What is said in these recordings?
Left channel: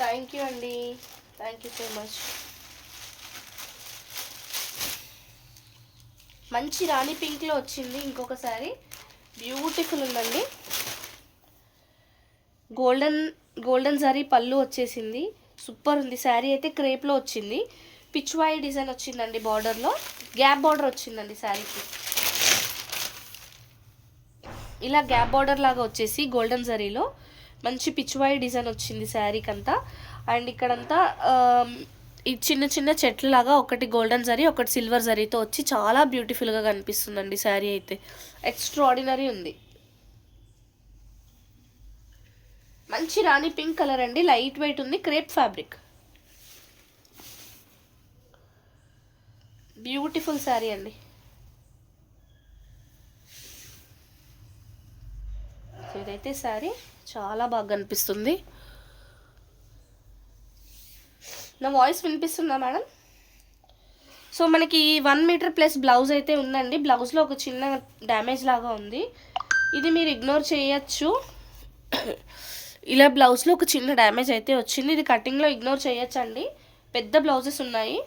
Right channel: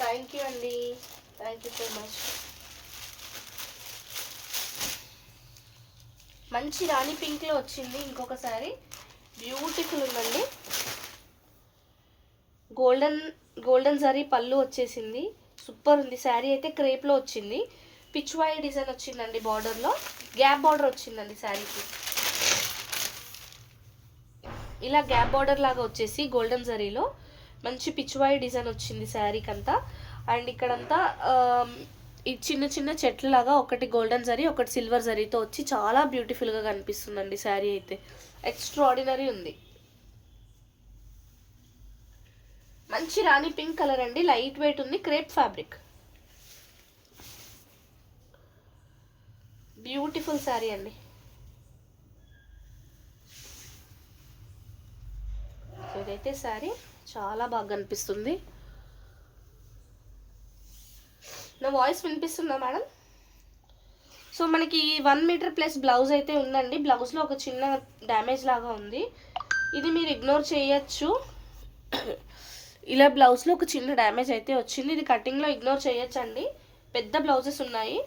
Thank you అండి, thank you so much. మంచి రాణి పింక్లో వచ్చింది ఇంకొకసారి, బ్యూటిఫుల్ ఉందండి. గోల్డెన్ జరీ పళ్ళు వచ్చేసింది, సూపర్ ఉంది. శారీ అయితే క్రేప్లో వచ్చింది, పిచ్వాయి డిజైన్ వచ్చిందండి, బార్డర్లో గ్యాప్ బార్డర్ వచ్చిందండి శారీకి. ఇలా గ్యాప్ బార్డర్ లాగా వచ్చేసి గోల్డెన్ జరీలో మంచి పిచ్వాయి డిజైన్ వచ్చింది శారీకి అంతా. అండ్ ఇక్కడంతా ఈ చిన్న చిన్న చెట్లు లాగా, ఒకటి గోల్డెన్ జరీ ఒకటి సిల్వర్ జరీతో వచ్చి చాలా బ్యూటిఫుల్గా కనిపిస్తుందండి శారీ అయితే. ఎక్స్ట్రాడినరీ ఉంది. మంచి రాణి పింక్ కలర్ అండి, లైట్ వెయిట్ ఉంది, క్రేప్ ఫ్యాబ్రిక్, బ్యూటిఫుల్ శారీ అండి. ఇదైతే శారీ చాలా బాగా కనిపిస్తుంది. నా వాయిస్ వినిపిస్తుందా మేడం? సో మనకి 1 మీటర్ ప్లస్ బ్లౌజ్ అయితే ఉందండి. బ్లౌజ్లో ఒక చిన్న డ్యామేజ్ లాగా ఉంది, ఇది మీరు ఇగ్నోర్ చేయొచ్చు. ఇలా బ్లౌజ్లో ఒక చిన్న డ్యామేజ్ అయితే వచ్చింది, ఇది కటింగ్లో ఇగ్నోర్ చేయొచ్చు అండి. పెద్ద బ్లౌజెస్ ఉన్నాయి.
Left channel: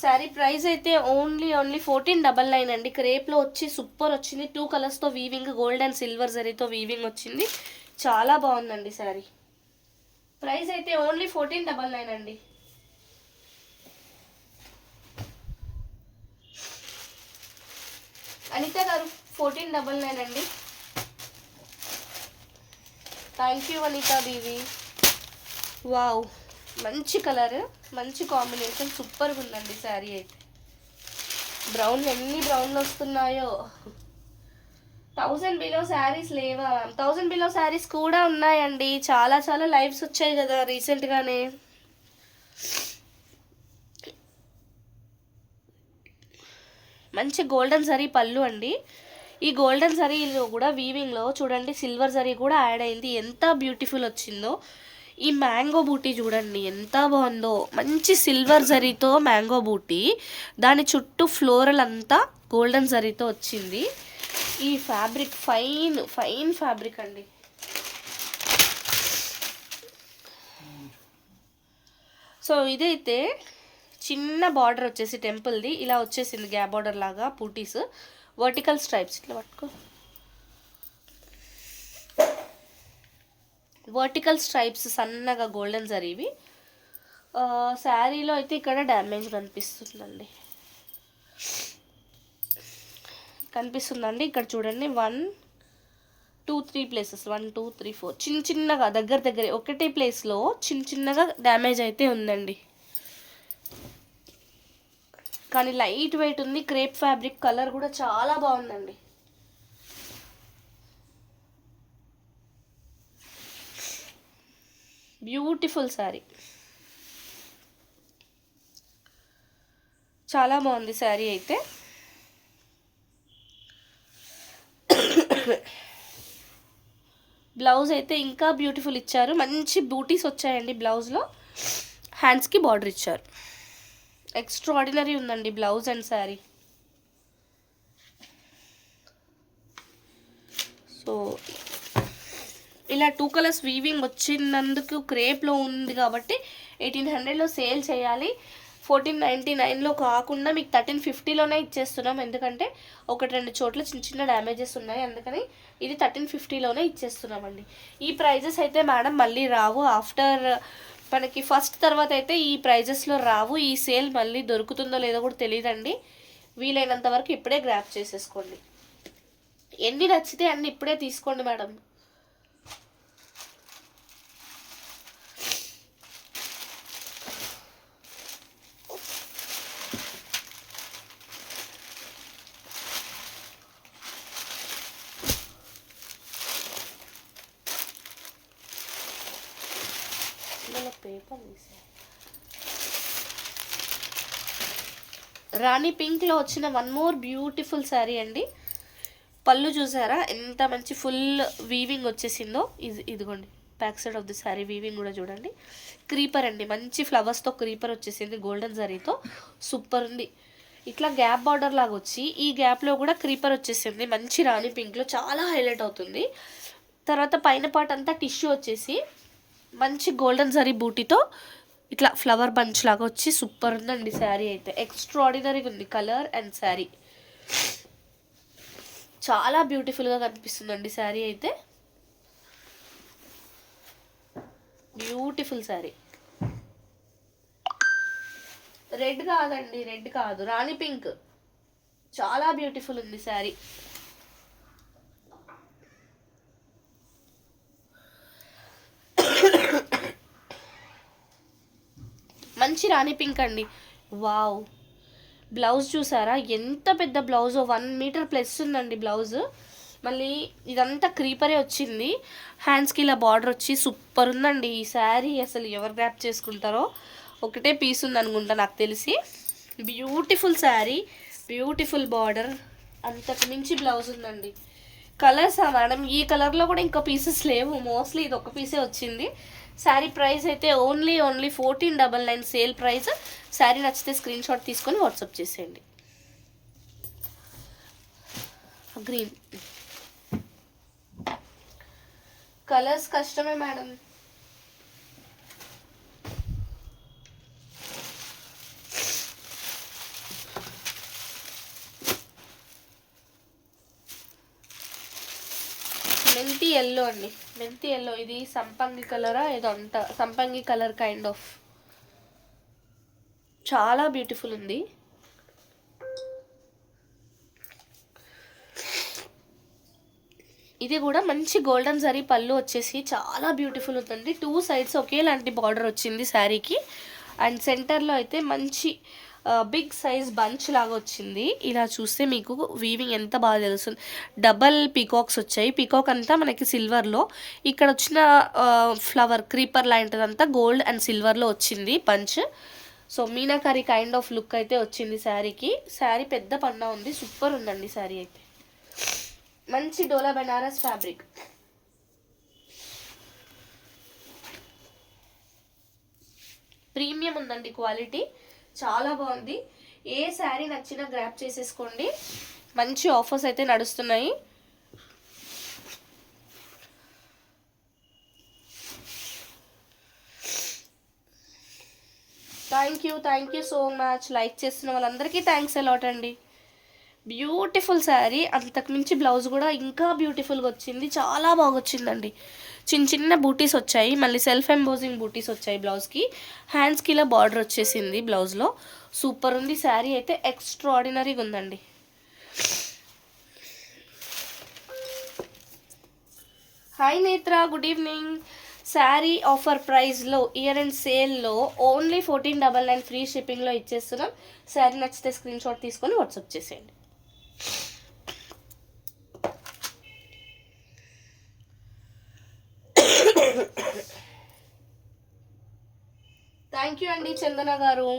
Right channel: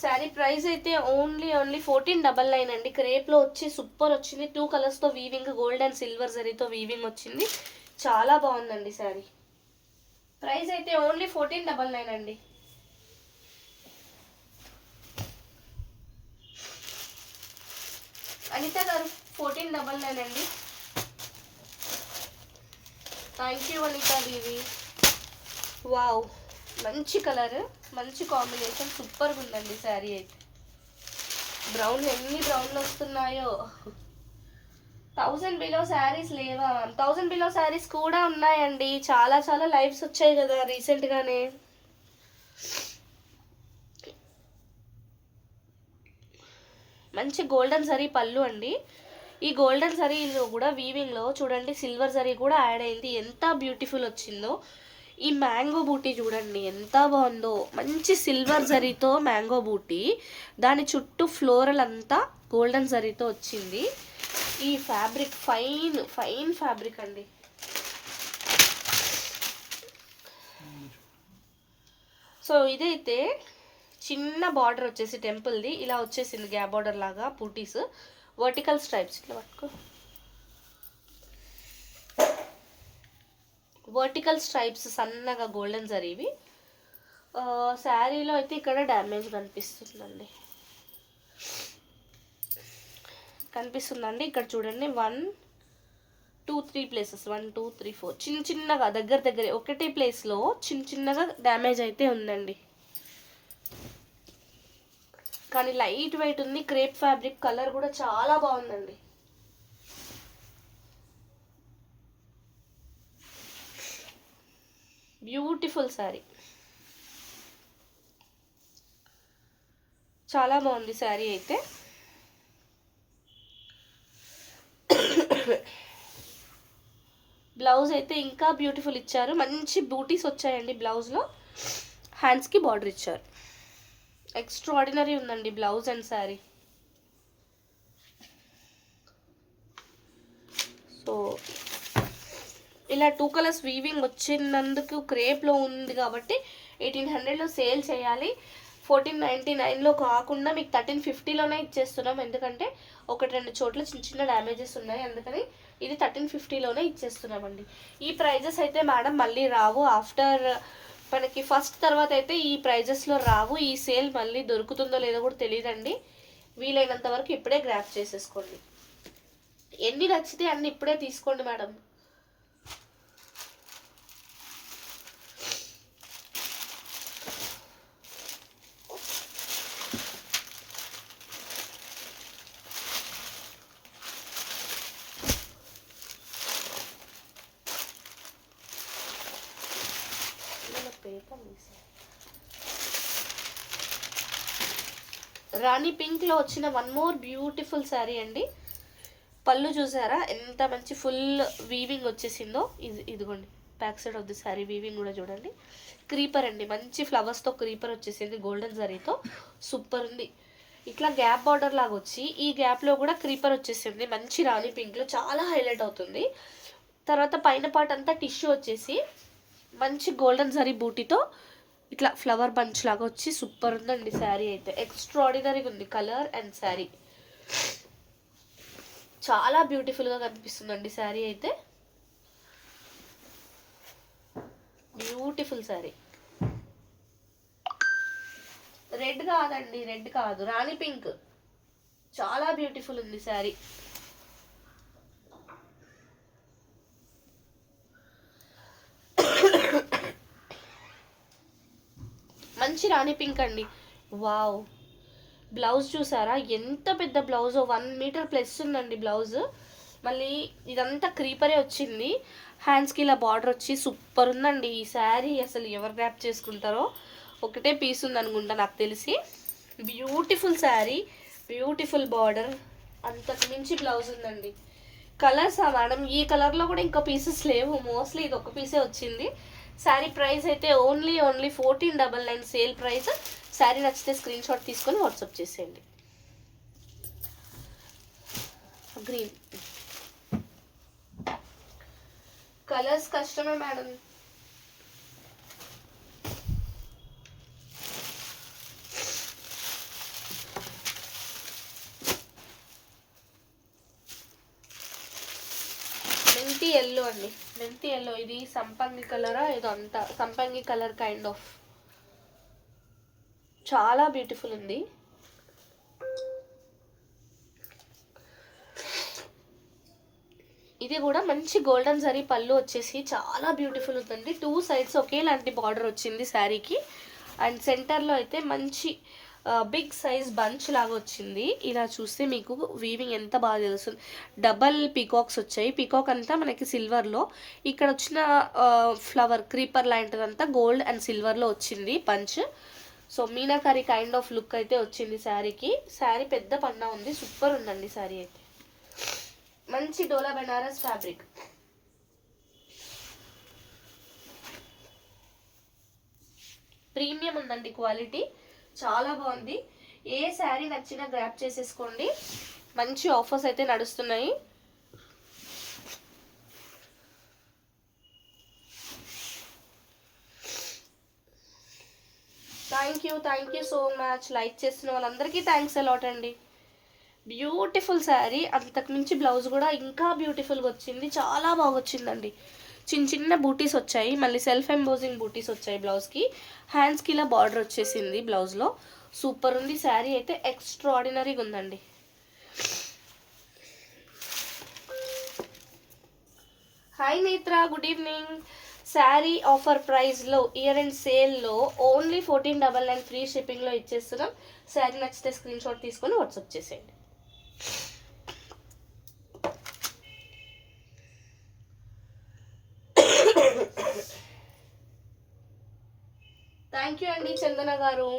శారీ ప్రైస్ అయితే ఓన్లీ 1499 అండి. క్రేప్లో వచ్చి సూపర్ వచ్చింది, 2 కలర్స్తో వీవింగ్, గోల్డ్ అండ్ సిల్వర్ జరీతో వీవింగ్ వచ్చింది, చాలా బాగుందండి శారీ. ప్రైస్ అయితే ఓన్లీ 1499 అండి. అనిత గారు 1499 అండి. Thank you Anitha Deevi. Wow, మంచి కలర్, మంచి కాంబినేషన్, సూపర్గా ఉందండి శారీ అయితే. బ్రౌన్ ఎన్ని బ్రౌన్లు వస్తున్నాయో. 1000 బిలో శారీస్ లేవా? 1000 బిలో శారీస్ కూడా ఉన్నాయండి, చాలా చాలా లైవ్స్ వచ్చాయి కదా రీసెంట్గానే. మంచి గోల్డెన్ జరీ పళ్ళు అండి. ఈ గోల్డెన్ జరీలో కూడా వీవింగ్లో చూడండి సిల్వర్ జరీ కూడా యాడ్ అయింది, ఎంత బ్యూటిఫుల్ వచ్చిందో. ఈ మ్యాంగో బూటీ చూడండి ఎంత బాగుందో, మంచి సిల్వర్ జరీతో మ్యాంగో బూటీ, దాని చుట్టూ ఫ్లోరల్ అంతా గోల్డెన్ జరీతో వచ్చింది. ఈ ఫ్యాబ్రిక్ ఫైన్ ఫైన్ ఫ్యాబ్రిక్ అండి. సో ఇదైతే చిన్న బార్డర్ వచ్చేసి టెంపుల్ది ఇలా వచ్చేసింది, గ్యాప్ బార్డర్ లాగా బూటీస్, వర్టికల్ స్ట్రైప్స్ ఇట్లా పట్టుకో, వర్టికల్ స్ట్రైప్స్ సన్నగా గోల్డెన్ జరీవి. శారీలో అయితే ఇక్కడ డ్యామేజ్ కనిపిస్తుందండి. ఇక్కడ చూడండి 1 2 3 ప్లేసెస్, 1 2 3 4 చిన్న చిన్నగా దగ్గర ఒకటే ప్లేస్లో చిన్నగా డ్యామేజ్ అయితే ఉందండి. కానీ లైట్ వెయిట్ ఉంది, క్రేప్ ఫ్యాబ్రిక్, కలర్ కూడా చాలా బాగుందండి. బ్యూటిఫుల్ శారీ, చాలా బాగుంది శారీ అయితే. బ్లౌజ్ అయితే ఇంకా బ్యూటిఫుల్ ఇచ్చారు, మంచి బూటీస్ వచ్చాయండి బ్లౌజ్లో, హ్యాండ్స్కి బార్డర్ ఇచ్చారు, ఎక్స్ట్రాడినరీ ఉందండి బ్లౌజ్ అండ్ శారీ. సో ఇలా 2 కలర్స్ వీవింగ్ వచ్చినందుకు క్రేప్లో ఉంది కాబట్టి 1800లో సేల్ చేయాలి. 1499లో కాకుండా మీకు 1350లోనే ఇచ్చేస్తున్నాం, ఎందుకంటే 1-2 చోట్ల చిన్న డ్యామేజెస్ ఉన్నాయి, అందుకని ఇది 1350లోనే ఇచ్చేస్తున్నామండి. ఈ ప్రైజెస్ అయితే మేడం మళ్ళీ రావు, ఆఫ్టర్ మనకి ఫస్ట్ తర్వాత అయితే ఈ ప్రైజెస్లో రావు. ఈ సేల్ మళ్ళీ దొరుకుతుందో లేదో కూడా తెలియదండి. వీలైనంత వరకు ఇప్పుడే గ్రాప్ చేసేసుకోండి, ఎన్ని నచ్చితే అన్ని ఇప్పుడే తీసుకోండి మేడం. రాణి పింక్లో వచ్చిన 1 మోర్ బ్యూటిఫుల్ శారీ అండి. పళ్ళు చూసారా ఎంత మంచి ఫుల్ వీవింగ్ వచ్చేసిందో, ఇదిగోండి back side of the sari weaving కూడా చూడండి. క్రీపర్ అండి, మంచి ఫ్లవర్స్తో క్రీపర్ వచ్చేసింది గోల్డెన్ జరీతో, సూపర్ ఉంది. ఇట్లా గ్యాప్ బార్డర్ లాగా వచ్చి ఈ గ్యాప్లో కూడా క్రీపర్ వచ్చేసింది, మంచి రాణి పింక్లో చాలా హైలైట్ అవుతుంది. తర్వాత పైన పార్ట్ అంతా టిష్యూ వచ్చేసి మంచి గోల్డెన్ జరీ బూటీతో ఇట్లా ఫ్లవర్ బంచ్ లాగా వచ్చి సూపర్ ఉందండి శారీ అయితే. ఎక్స్ట్రాడినరీగా ఉంది కలర్ అండ్ శారీ, చాలా బ్యూటిఫుల్గా కనిపిస్తుందండి శారీ అయితే. బ్యూటిఫుల్ శారీ. రెడ్ కాదండి, రెడ్ కాదు, రాణి పింక్, చాలా బ్యూటిఫుల్ ఉంది శారీ. మంచి రాణి పింక్ అండి. వావ్, బ్లౌజ్ చూసారా ఎంత పెద్ద బ్లౌజ్, 1 మీటర్ ప్లస్ ఉందండి బ్లౌజ్. మళ్ళీ ఇదంతా క్రీపరే వచ్చింది, హ్యాండ్స్కి ఇలా బార్డర్ వచ్చి సూపర్ ఉందండి ఈ శారీ. అసలు ఎవరు గ్రాప్ చేసుకుంటారో, ఒకటే పీస్ ఉంది అనుకుంటా నాకు తెలిసి. బ్యూటిఫుల్ శారీ, బ్యూటిఫుల్ బార్డర్, అంతకు మించి బ్లౌజ్ ఉందండి. కలర్సా మేడం? ఈ కలర్లో కూడా ఇంకా పీసెస్ లేవు, మోస్ట్లీ ఇది ఒక పీసే వచ్చింది. శారీ ప్రైస్ అయితే ఓన్లీ 1499 సేల్ ప్రైస్. శారీ నచ్చితే స్క్రీన్ షాట్ తీసుకొని వాట్సాప్ చేసేయండి. గ్రీన్ కలర్స్ కష్టమే మేడం. మెంతి ఎల్లో అండి, మెంతి ఎల్లో. ఇది సంపంగి కలరా ఏదో అంట, సంపంగి కలర్ కైండ్ ఆఫ్, చాలా బ్యూటిఫుల్ ఉంది. ఇది కూడా మంచి గోల్డెన్ జరీ పళ్ళు వచ్చేసి చాలా బ్యూటిఫుల్ ఉందండి. 2 సైడ్స్ ఒకేలాంటి బార్డర్ వచ్చింది శారీకి. అండ్ సెంటర్లో అయితే మంచి బిగ్ సైజ్ బంచ్ లాగా వచ్చింది. ఇలా చూస్తే మీకు వీవింగ్ ఎంత బాగా తెలుస్తుంది. డబల్ పీకాక్స్ వచ్చాయి, పీకాక్ అంతా మనకి సిల్వర్లో, ఇక్కడ వచ్చిన ఫ్లవర్ క్రీపర్ లాంటిదంతా గోల్డ్ అండ్ సిల్వర్లో వచ్చింది bunch. So meenakari kind of look అయితే వచ్చింది శారీకి. శారీ పెద్ద పన్నా ఉంది, సూపర్ ఉందండి శారీ అయితే. మంచి డోలా బెనారస్ ఫ్యాబ్రిక్, ప్రీమియం ఉందండి క్వాలిటీ, చాలా బాగుంది. ఏ శారీ నచ్చినా గ్రాప్ చేసేసుకోండి, మంచి ఆఫర్స్ అయితే నడుస్తున్నాయి. Thank you so much. Like చేస్తున్న వాళ్ళందరికీ థ్యాంక్స్ అలాట్ అండి. బ్యూటిఫుల్ శారీ, అంతకుమించి బ్లౌజ్ కూడా ఇంకా బ్యూటిఫుల్గా వచ్చింది, చాలా బాగా వచ్చిందండి. చిన్న చిన్న బూటీస్ వచ్చాయి, మళ్ళీ సెల్ఫ్ ఎంబోజింగ్ బూటీస్ వచ్చాయి బ్లౌజ్కి. హ్యాండ్స్కి ఇలా బార్డర్ వచ్చేసింది బ్లౌజ్లో, సూపర్ ఉంది శారీ అయితే. ఎక్స్ట్రాడినరీగా ఉందండి. హాయ్ నేత్ర, గుడ్ ఈవినింగ్. శారీ ఆఫర్ ప్రైస్లో ఇయర్ అండ్ సేల్లో ఓన్లీ 1499 ఫ్రీ షిప్పింగ్లో ఇచ్చేస్తున్నాం. శారీ నచ్చితే స్క్రీన్ షాట్ తీసుకొని వాట్సాప్ చేసేయండి. థ్యాంక్ యూ అండి చందన గారు.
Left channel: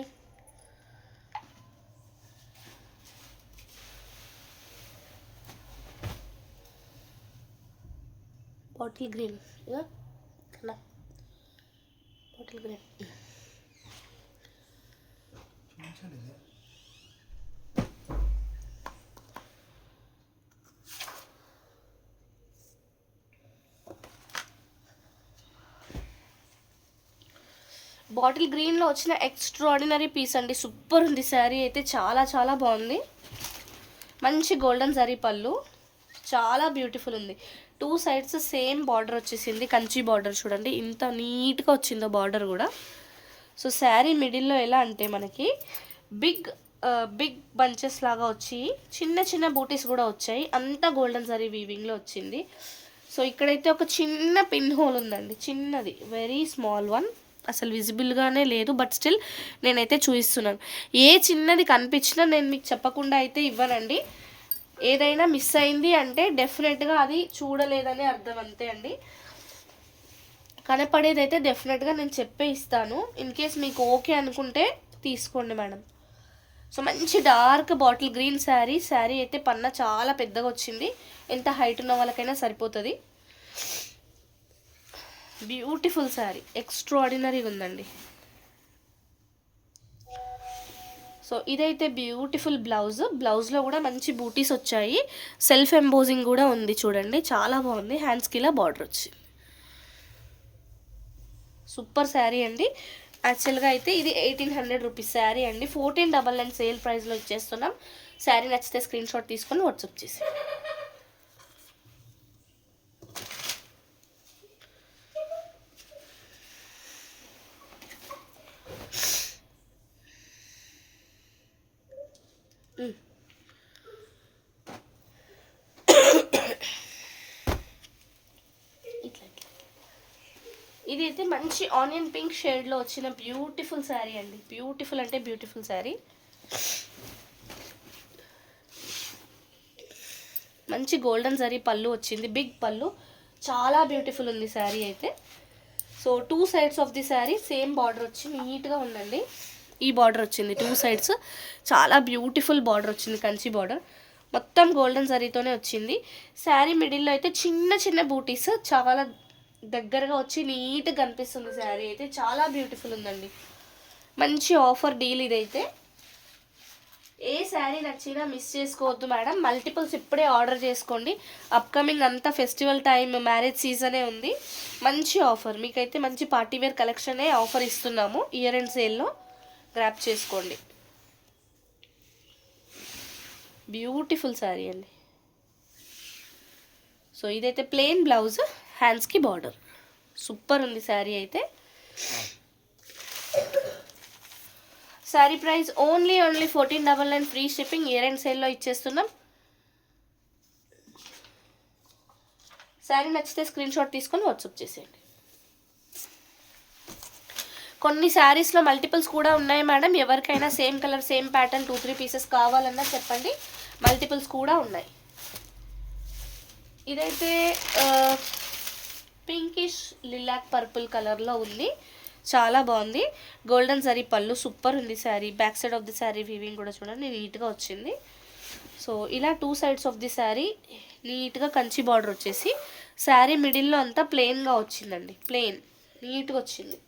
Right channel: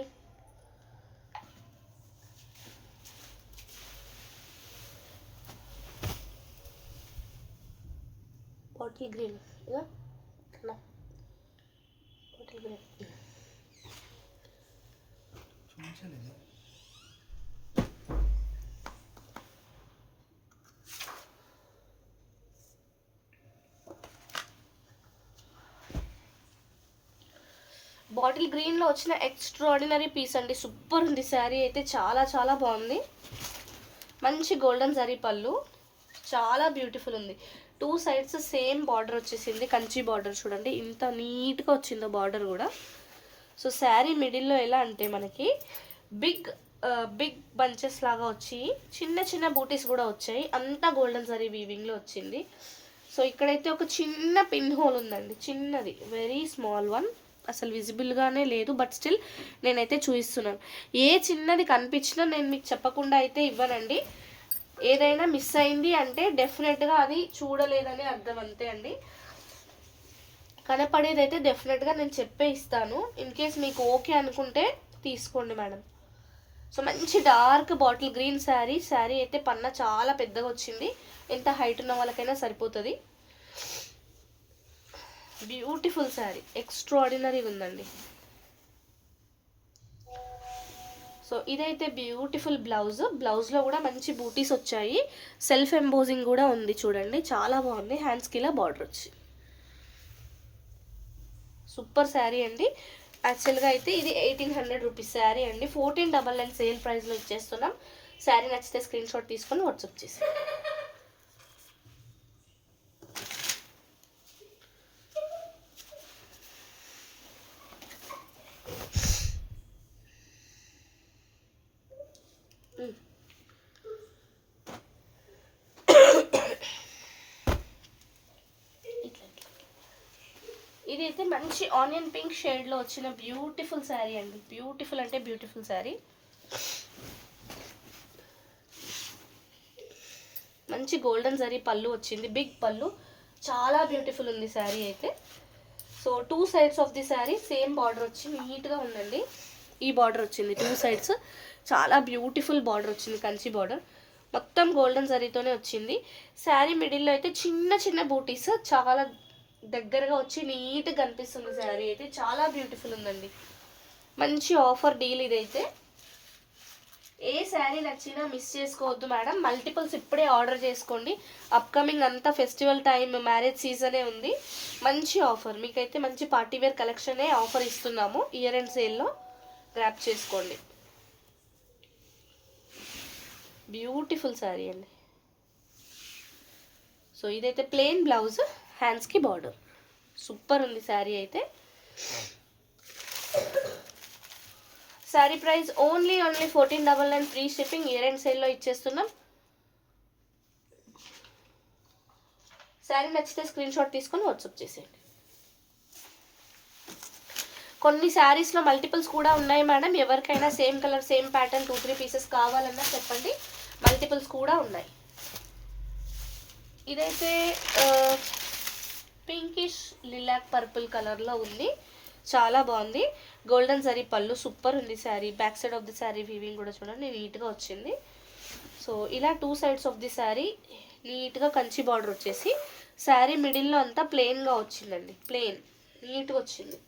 Bottle green, bottle green. Bottle గ్రీన్లో వచ్చిన ఎక్స్ట్రాడినరీ పీస్ అండి, సూపర్ ఉంది శారీ అయితే, చాలా చాలా బాగుంది. మంచి గోల్డెన్ జరీ పళ్ళు, చాలా బ్యూటిఫుల్ ఉంది. 2 సైడ్స్ సేమ్ బార్డర్ వచ్చేసింది, కంచి బార్డర్ చూడండి ఇంత నీట్గా వచ్చిందో బార్డర్ కూడా. సో శారీ మిడిల్లో ఎలా అంటే మనకి బిగ్ బిగ్ బంచెస్ లాగా వచ్చి చిన్న చిన్న బూటీస్ కూడా వచ్చాయి, అంతా గోల్డెన్ జరీ వీవింగ్లో వచ్చింది. సో ఇక్కడైతే ఒక చిన్న పిన్ హోల్ ఉందండి, చిన్నది, వెరీ స్మాల్ వన్, అసలు విజిబుల్గానే లేదు, బట్ స్టిల్ నేనైతే చూపిస్తున్నాను. ఏ చిన్నది కనిపించినా నేను మీకు చెప్పకుండా అయితే ఇవ్వనండి. ఏదైనా మిస్ అయింది అంటే డెఫినెట్గా అది చూడలేదని అర్థం, అంతే అండి. కనపడేది అయితే డెఫినెట్గా నేను చెప్పే ఇస్తాను. ఇన్ కేస్ మీకు ఓకే అనుకుంటే తీసుకోండి మేడం. సో మంచి dark bottle green sari. Sari అయితే పన్న చాలా పెద్దగా వచ్చింది, ఎంత హైట్ ఉన్న వాళ్ళకైనా సరిపోతుంది. బ్యూటిఫుల్ శారీ, ఎక్స్ట్రాడినరీగా ఉందండి. సో ఇదైతే బ్యూటిఫుల్ బ్లౌజ్. బ్లౌజ్లో కూడా మంచి బూటీస్ వచ్చాయి, సెల్ఫ్ ఎంబోజింగ్ కూడా ఉంది చూడండి, చాలా బాగుంది. హ్యాండ్స్కి ఇలా బార్డర్ వచ్చి సూపర్ శారీ అండి. యాక్చువల్గా అయితే ఇది 1800 రూపీస్ శారీ అండి. 1499 సేల్ ప్రైస్లో ఇచ్చేస్తున్నాం. శారీ నచ్చితే స్క్రీన్ షాట్ తీసుకొని వాట్సాప్ చేసి. ఇది అయితే మంచి ఆనియన్ పింక్ షేడ్లో వచ్చిన బ్యూటిఫుల్ శారీ అండి. బ్యూటిఫుల్ అంటే బ్యూటిఫుల్ శారీ. మంచి గోల్డెన్ జరీ పళ్ళు వచ్చింది, బిగ్ పళ్ళు, చాలా బ్యూటిఫుల్ ఉంది శారీ అయితే. So 2 sides of the sari same border వచ్చి నీట్గా ఉందండి. ఈ బార్డర్ వచ్చింది 2 సైడ్స్, చాలా బ్యూటిఫుల్ బార్డర్ వచ్చింది, కంచి బార్డర్, మొత్తం గోల్డెన్ జరీతోనే వచ్చింది. శారీ మిడిల్లో అయితే చిన్న చిన్న బూటీస్ చాలా దగ్గరగా వచ్చి నీట్గా కనిపిస్తుంది. శారీ అయితే చాలా బ్యూటిఫుల్ ఉందండి. మంచి ఆఫర్ డీల్ ఇదైతే. ఏ శారీ నచ్చినా మిస్ చేసుకోవద్దు మేడం. మల్టిపుల్స్ ఇప్పుడే ఆర్డర్ చేసుకోండి. అప్కమింగ్ అంతా ఫెస్టివల్ టైం, మ్యారేజ్ సీజనే ఉంది. మంచి ఆఫర్ మీకైతే, మంచి పార్టీవేర్ కలెక్షనే ఆఫర్ ఇస్తున్నాము. ఇయర్ ఎండ్ సేల్లో గ్రాప్ చేసుకోండి. బ్యూటిఫుల్ శారీ అండి. సో ఇదైతే ప్లెయిన్ బ్లౌజ్, హ్యాండ్స్కి బార్డర్, సూపర్ ఉంది శారీ అయితే. Sari price only 1499 free shipping. Year and సేల్లో ఇచ్చేస్తున్నాం. శారీ నచ్చితే స్క్రీన్ షాట్ తీసుకొని వాట్సాప్ చేసేయండి. కొన్ని శారీస్లో మల్టిపుల్స్ కూడా ఉన్నాయి మేడం. ఎవరికైనా same colour same pattern 2-3 pieces కావాలన్నా చెప్పండి, మల్టిపుల్స్ కూడా ఉన్నాయి. ఇదైతే పింకిష్ లిలాక్ పర్పుల్ కలర్లో ఉంది, చాలా బాగుంది. గోల్డెన్ జరీ పళ్ళు, సూపర్ ఉంది sari. Back side of the sari weaving కూడా చూడండి నీట్గా వచ్చింది. సో ఇలా 2 సైడ్స్ ఆఫ్ ది శారీ నీట్గా కంచి బార్డర్ వచ్చేసి, శారీ మిడిల్లో అంతా ప్లెయిన్గా వచ్చిందండి, ప్లెయిన్ నీట్గా వచ్చింది.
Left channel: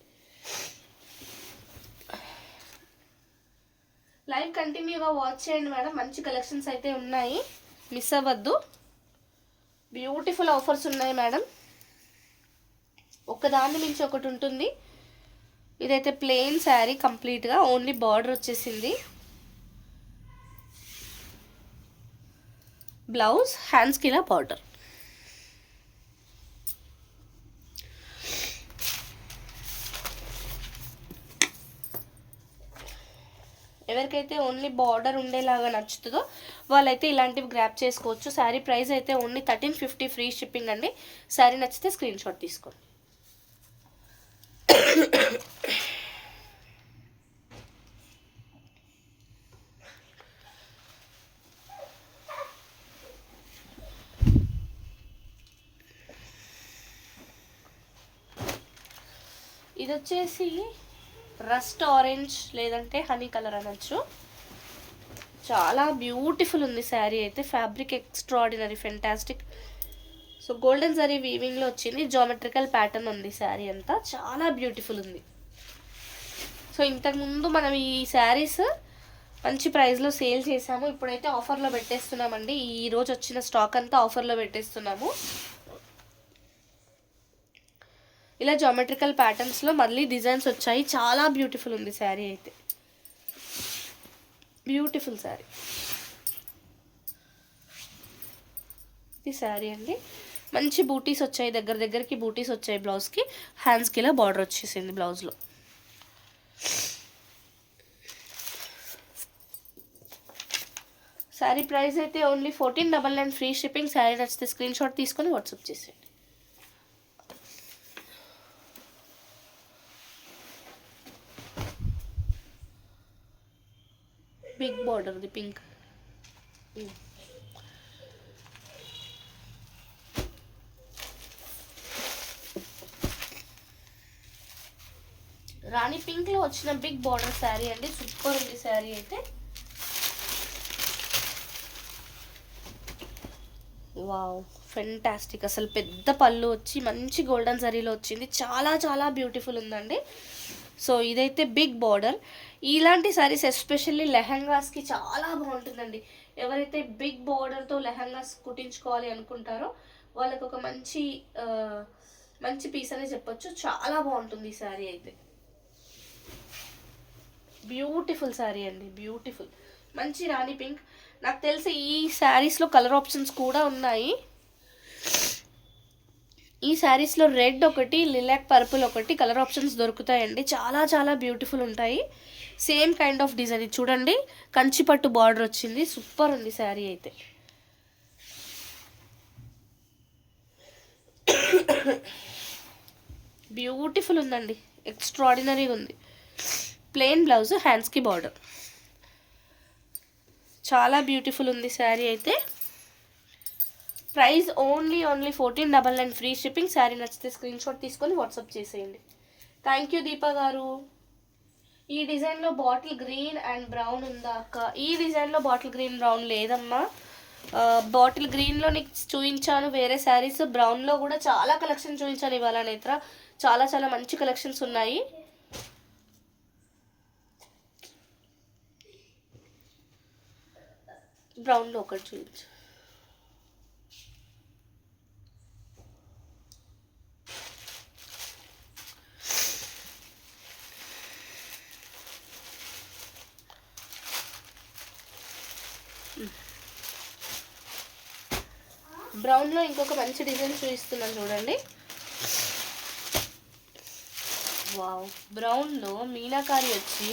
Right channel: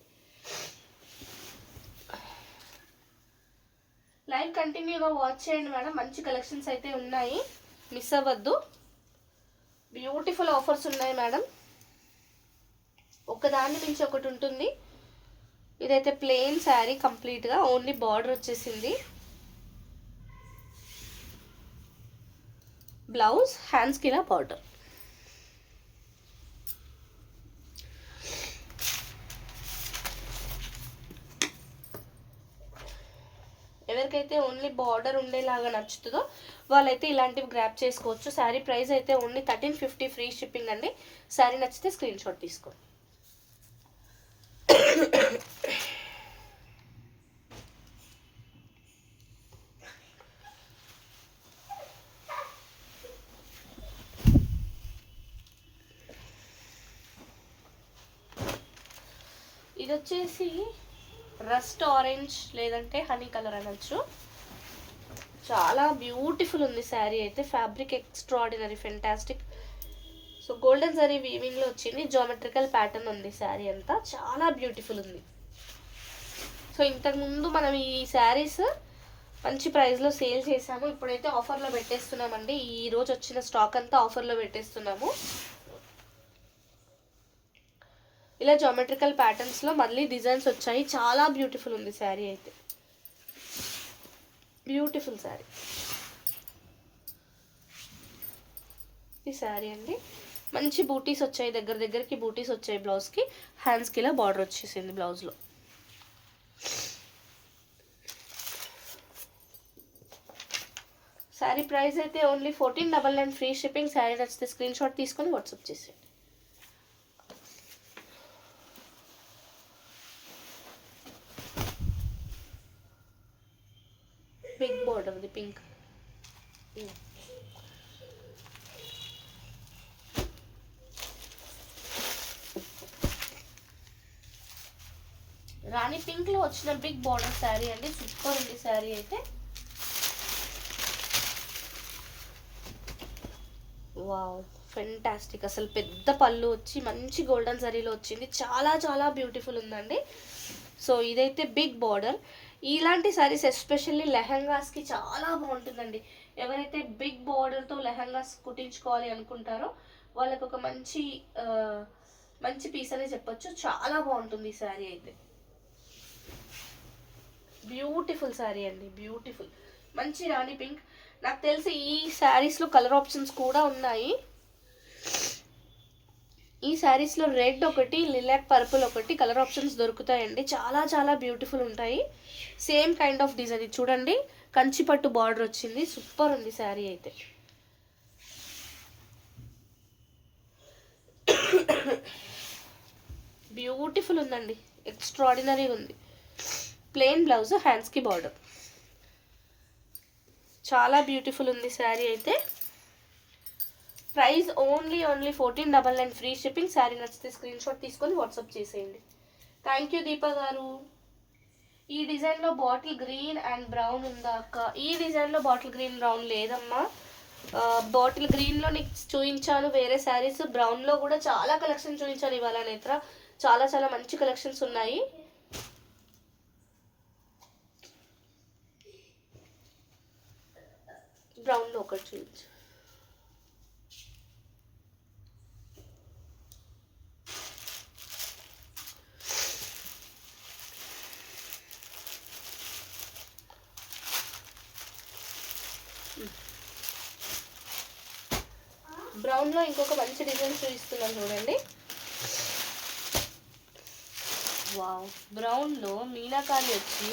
లైవ్ కంటిన్యూగా వాచ్ చేయండి మేడం, మంచి కలెక్షన్స్ అయితే ఉన్నాయి, మిస్ అవ్వద్దు. బ్యూటిఫుల్ ఆఫర్స్ ఉన్నాయి మేడం, ఒకదాన్ని మించి ఒకటి ఉంటుంది. ఇదైతే ప్లెయిన్ శారీ కంప్లీట్గా, ఓన్లీ బార్డర్ వచ్చేసింది. బ్లౌజ్, హ్యాండ్స్కి ఇలా బార్డర్. ఎవరికైతే ఓన్లీ బార్డర్ ఉండేలాగా నచ్చుతుందో వాళ్ళైతే ఇలాంటివి గ్రాప్ చేసుకోవచ్చు. శారీ ప్రైస్ అయితే ఓన్లీ 1350 ఫ్రీ షిప్పింగ్ అండి. శారీ నచ్చితే స్క్రీన్ షాట్ తీసుకోండి. ఇది వచ్చేసి రస్ట్ ఆరెంజ్ లేదంటే హనీ కలర్ అనొచ్చు. చాలా బ్యూటిఫుల్ ఉంది శారీ అయితే. Fabric extraordinary, fantastic. So golden zari వీవింగ్లో వచ్చింది, జామెట్రికల్ ప్యాటర్న్ ఉంది శారీ అంతా, చాలా బ్యూటిఫుల్ ఉంది. సో ఇంతకుముందు మనం ఈ శారీస్ మంచి ప్రైస్లో సేల్ చేసాము, ఇప్పుడైతే ఆఫర్లో పెట్టేస్తున్నామండి. ఈరోజు వచ్చిన స్టాక్ అంతా ఆఫర్లో పెట్టేస్తున్నాము. ఇలా జామెట్రికల్ ప్యాటర్న్స్లో మళ్ళీ డిజైన్స్ వచ్చాయి, చాలా బ్యూటిఫుల్ ఉంది శారీ అయితే. బ్యూటిఫుల్ శారీ. ఈ శారీ అండి, మంచి బూటీస్ వచ్చాయి, దగ్గర దగ్గరికి బూటీస్ వచ్చాయి బ్లౌజ్కి. హ్యాండ్స్కి ఇలా బార్డర్ వచ్చేసింది బ్లౌజ్లో. శారీ ప్రైస్ అయితే ఓన్లీ 1499 ఫ్రీ షిప్పింగ్. శారీ నచ్చితే స్క్రీన్ షాట్ తీసుకొని వాట్సాప్ చేసేయండి. Big border, the pink. Rani pink లో వచ్చిన బిగ్ బార్డర్ శారీ అండి, సూపర్ ఉంది శారీ అయితే. వావ్, ఫెంటాస్టిక్, అసలు పెద్ద పళ్ళు వచ్చి మంచి గోల్డెన్ జరీలో వచ్చింది, చాలా చాలా బ్యూటిఫుల్ ఉందండి. సో ఇదైతే బిగ్ బార్డర్. ఇలాంటి సారీస్ ఎస్పెషల్లీ లెహంగాస్కి చాలా బాగుంటుందండి. ఎవరైతే బిగ్ బార్డర్తో లెహంగాస్ కుట్టించుకోవాలి అనుకుంటారో వాళ్ళకి ఒక మంచి మంచి పీస్ అనే చెప్పొచ్చు. చాలా బాగుంటుంది ఈ శారీ అయితే. బ్యూటిఫుల్ శారీ అండి, బ్యూటిఫుల్. మంచి రాణి పింక్. నాకు తెలిసి ఈ శారీస్లో కలర్ ఆప్షన్స్ కూడా ఉన్నాయి. ఈ శారీస్లో రెడ్ ఒకటి, లిలాక్ పర్పుల్ ఒకటి కలర్ ఆప్షన్స్ దొరుకుతాయండి. చాలా చాలా బ్యూటిఫుల్ ఉంటాయి. సేమ్ కైండ్ ఆఫ్ డిజైన్ చూడండి, కంచిపట్టు బార్డర్ వచ్చింది. సూపర్ ఉంది శారీ అయితే. బ్యూటిఫుల్ ఉందండి, ఎక్స్ట్రాడినరీ ఉంది. ప్లెయిన్ బ్లౌజ్, హ్యాండ్స్కి బార్డర్. చాలా బ్యూటిఫుల్ ఉంది శారీ అయితే. Price only 1499 free shipping. Sari నచ్చితే స్క్రీన్ షాట్ తీసుకొని వాట్సాప్ చేసేయండి. థ్యాంక్ యూ దీపా గారు. ఈ డిజైన్లో బాటిల్ గ్రీన్ అండ్ బ్రౌన్ ఉందా అక్క? ఈ డిజైన్లో బాటిల్ గ్రీన్ బ్రౌన్ లేదమ్మా. బాటిల్ గ్రీన్లో నీకు చూపించాను వేరే శారీస్. బ్రౌన్లో కూడా చాలా కలెక్షన్ చూపించాను ఇవాళ నేత్ర. చాలా చాలా మంచి కలెక్షన్స్ ఉన్నాయి. బ్రౌన్లో ఒకటి చూపించు. బ్రౌన్లో ఇంకొక మంచి డిజైన్ చూపిస్తున్నాను చూడండి. వావ్, బ్రౌన్లో మీనాకారి వచ్చి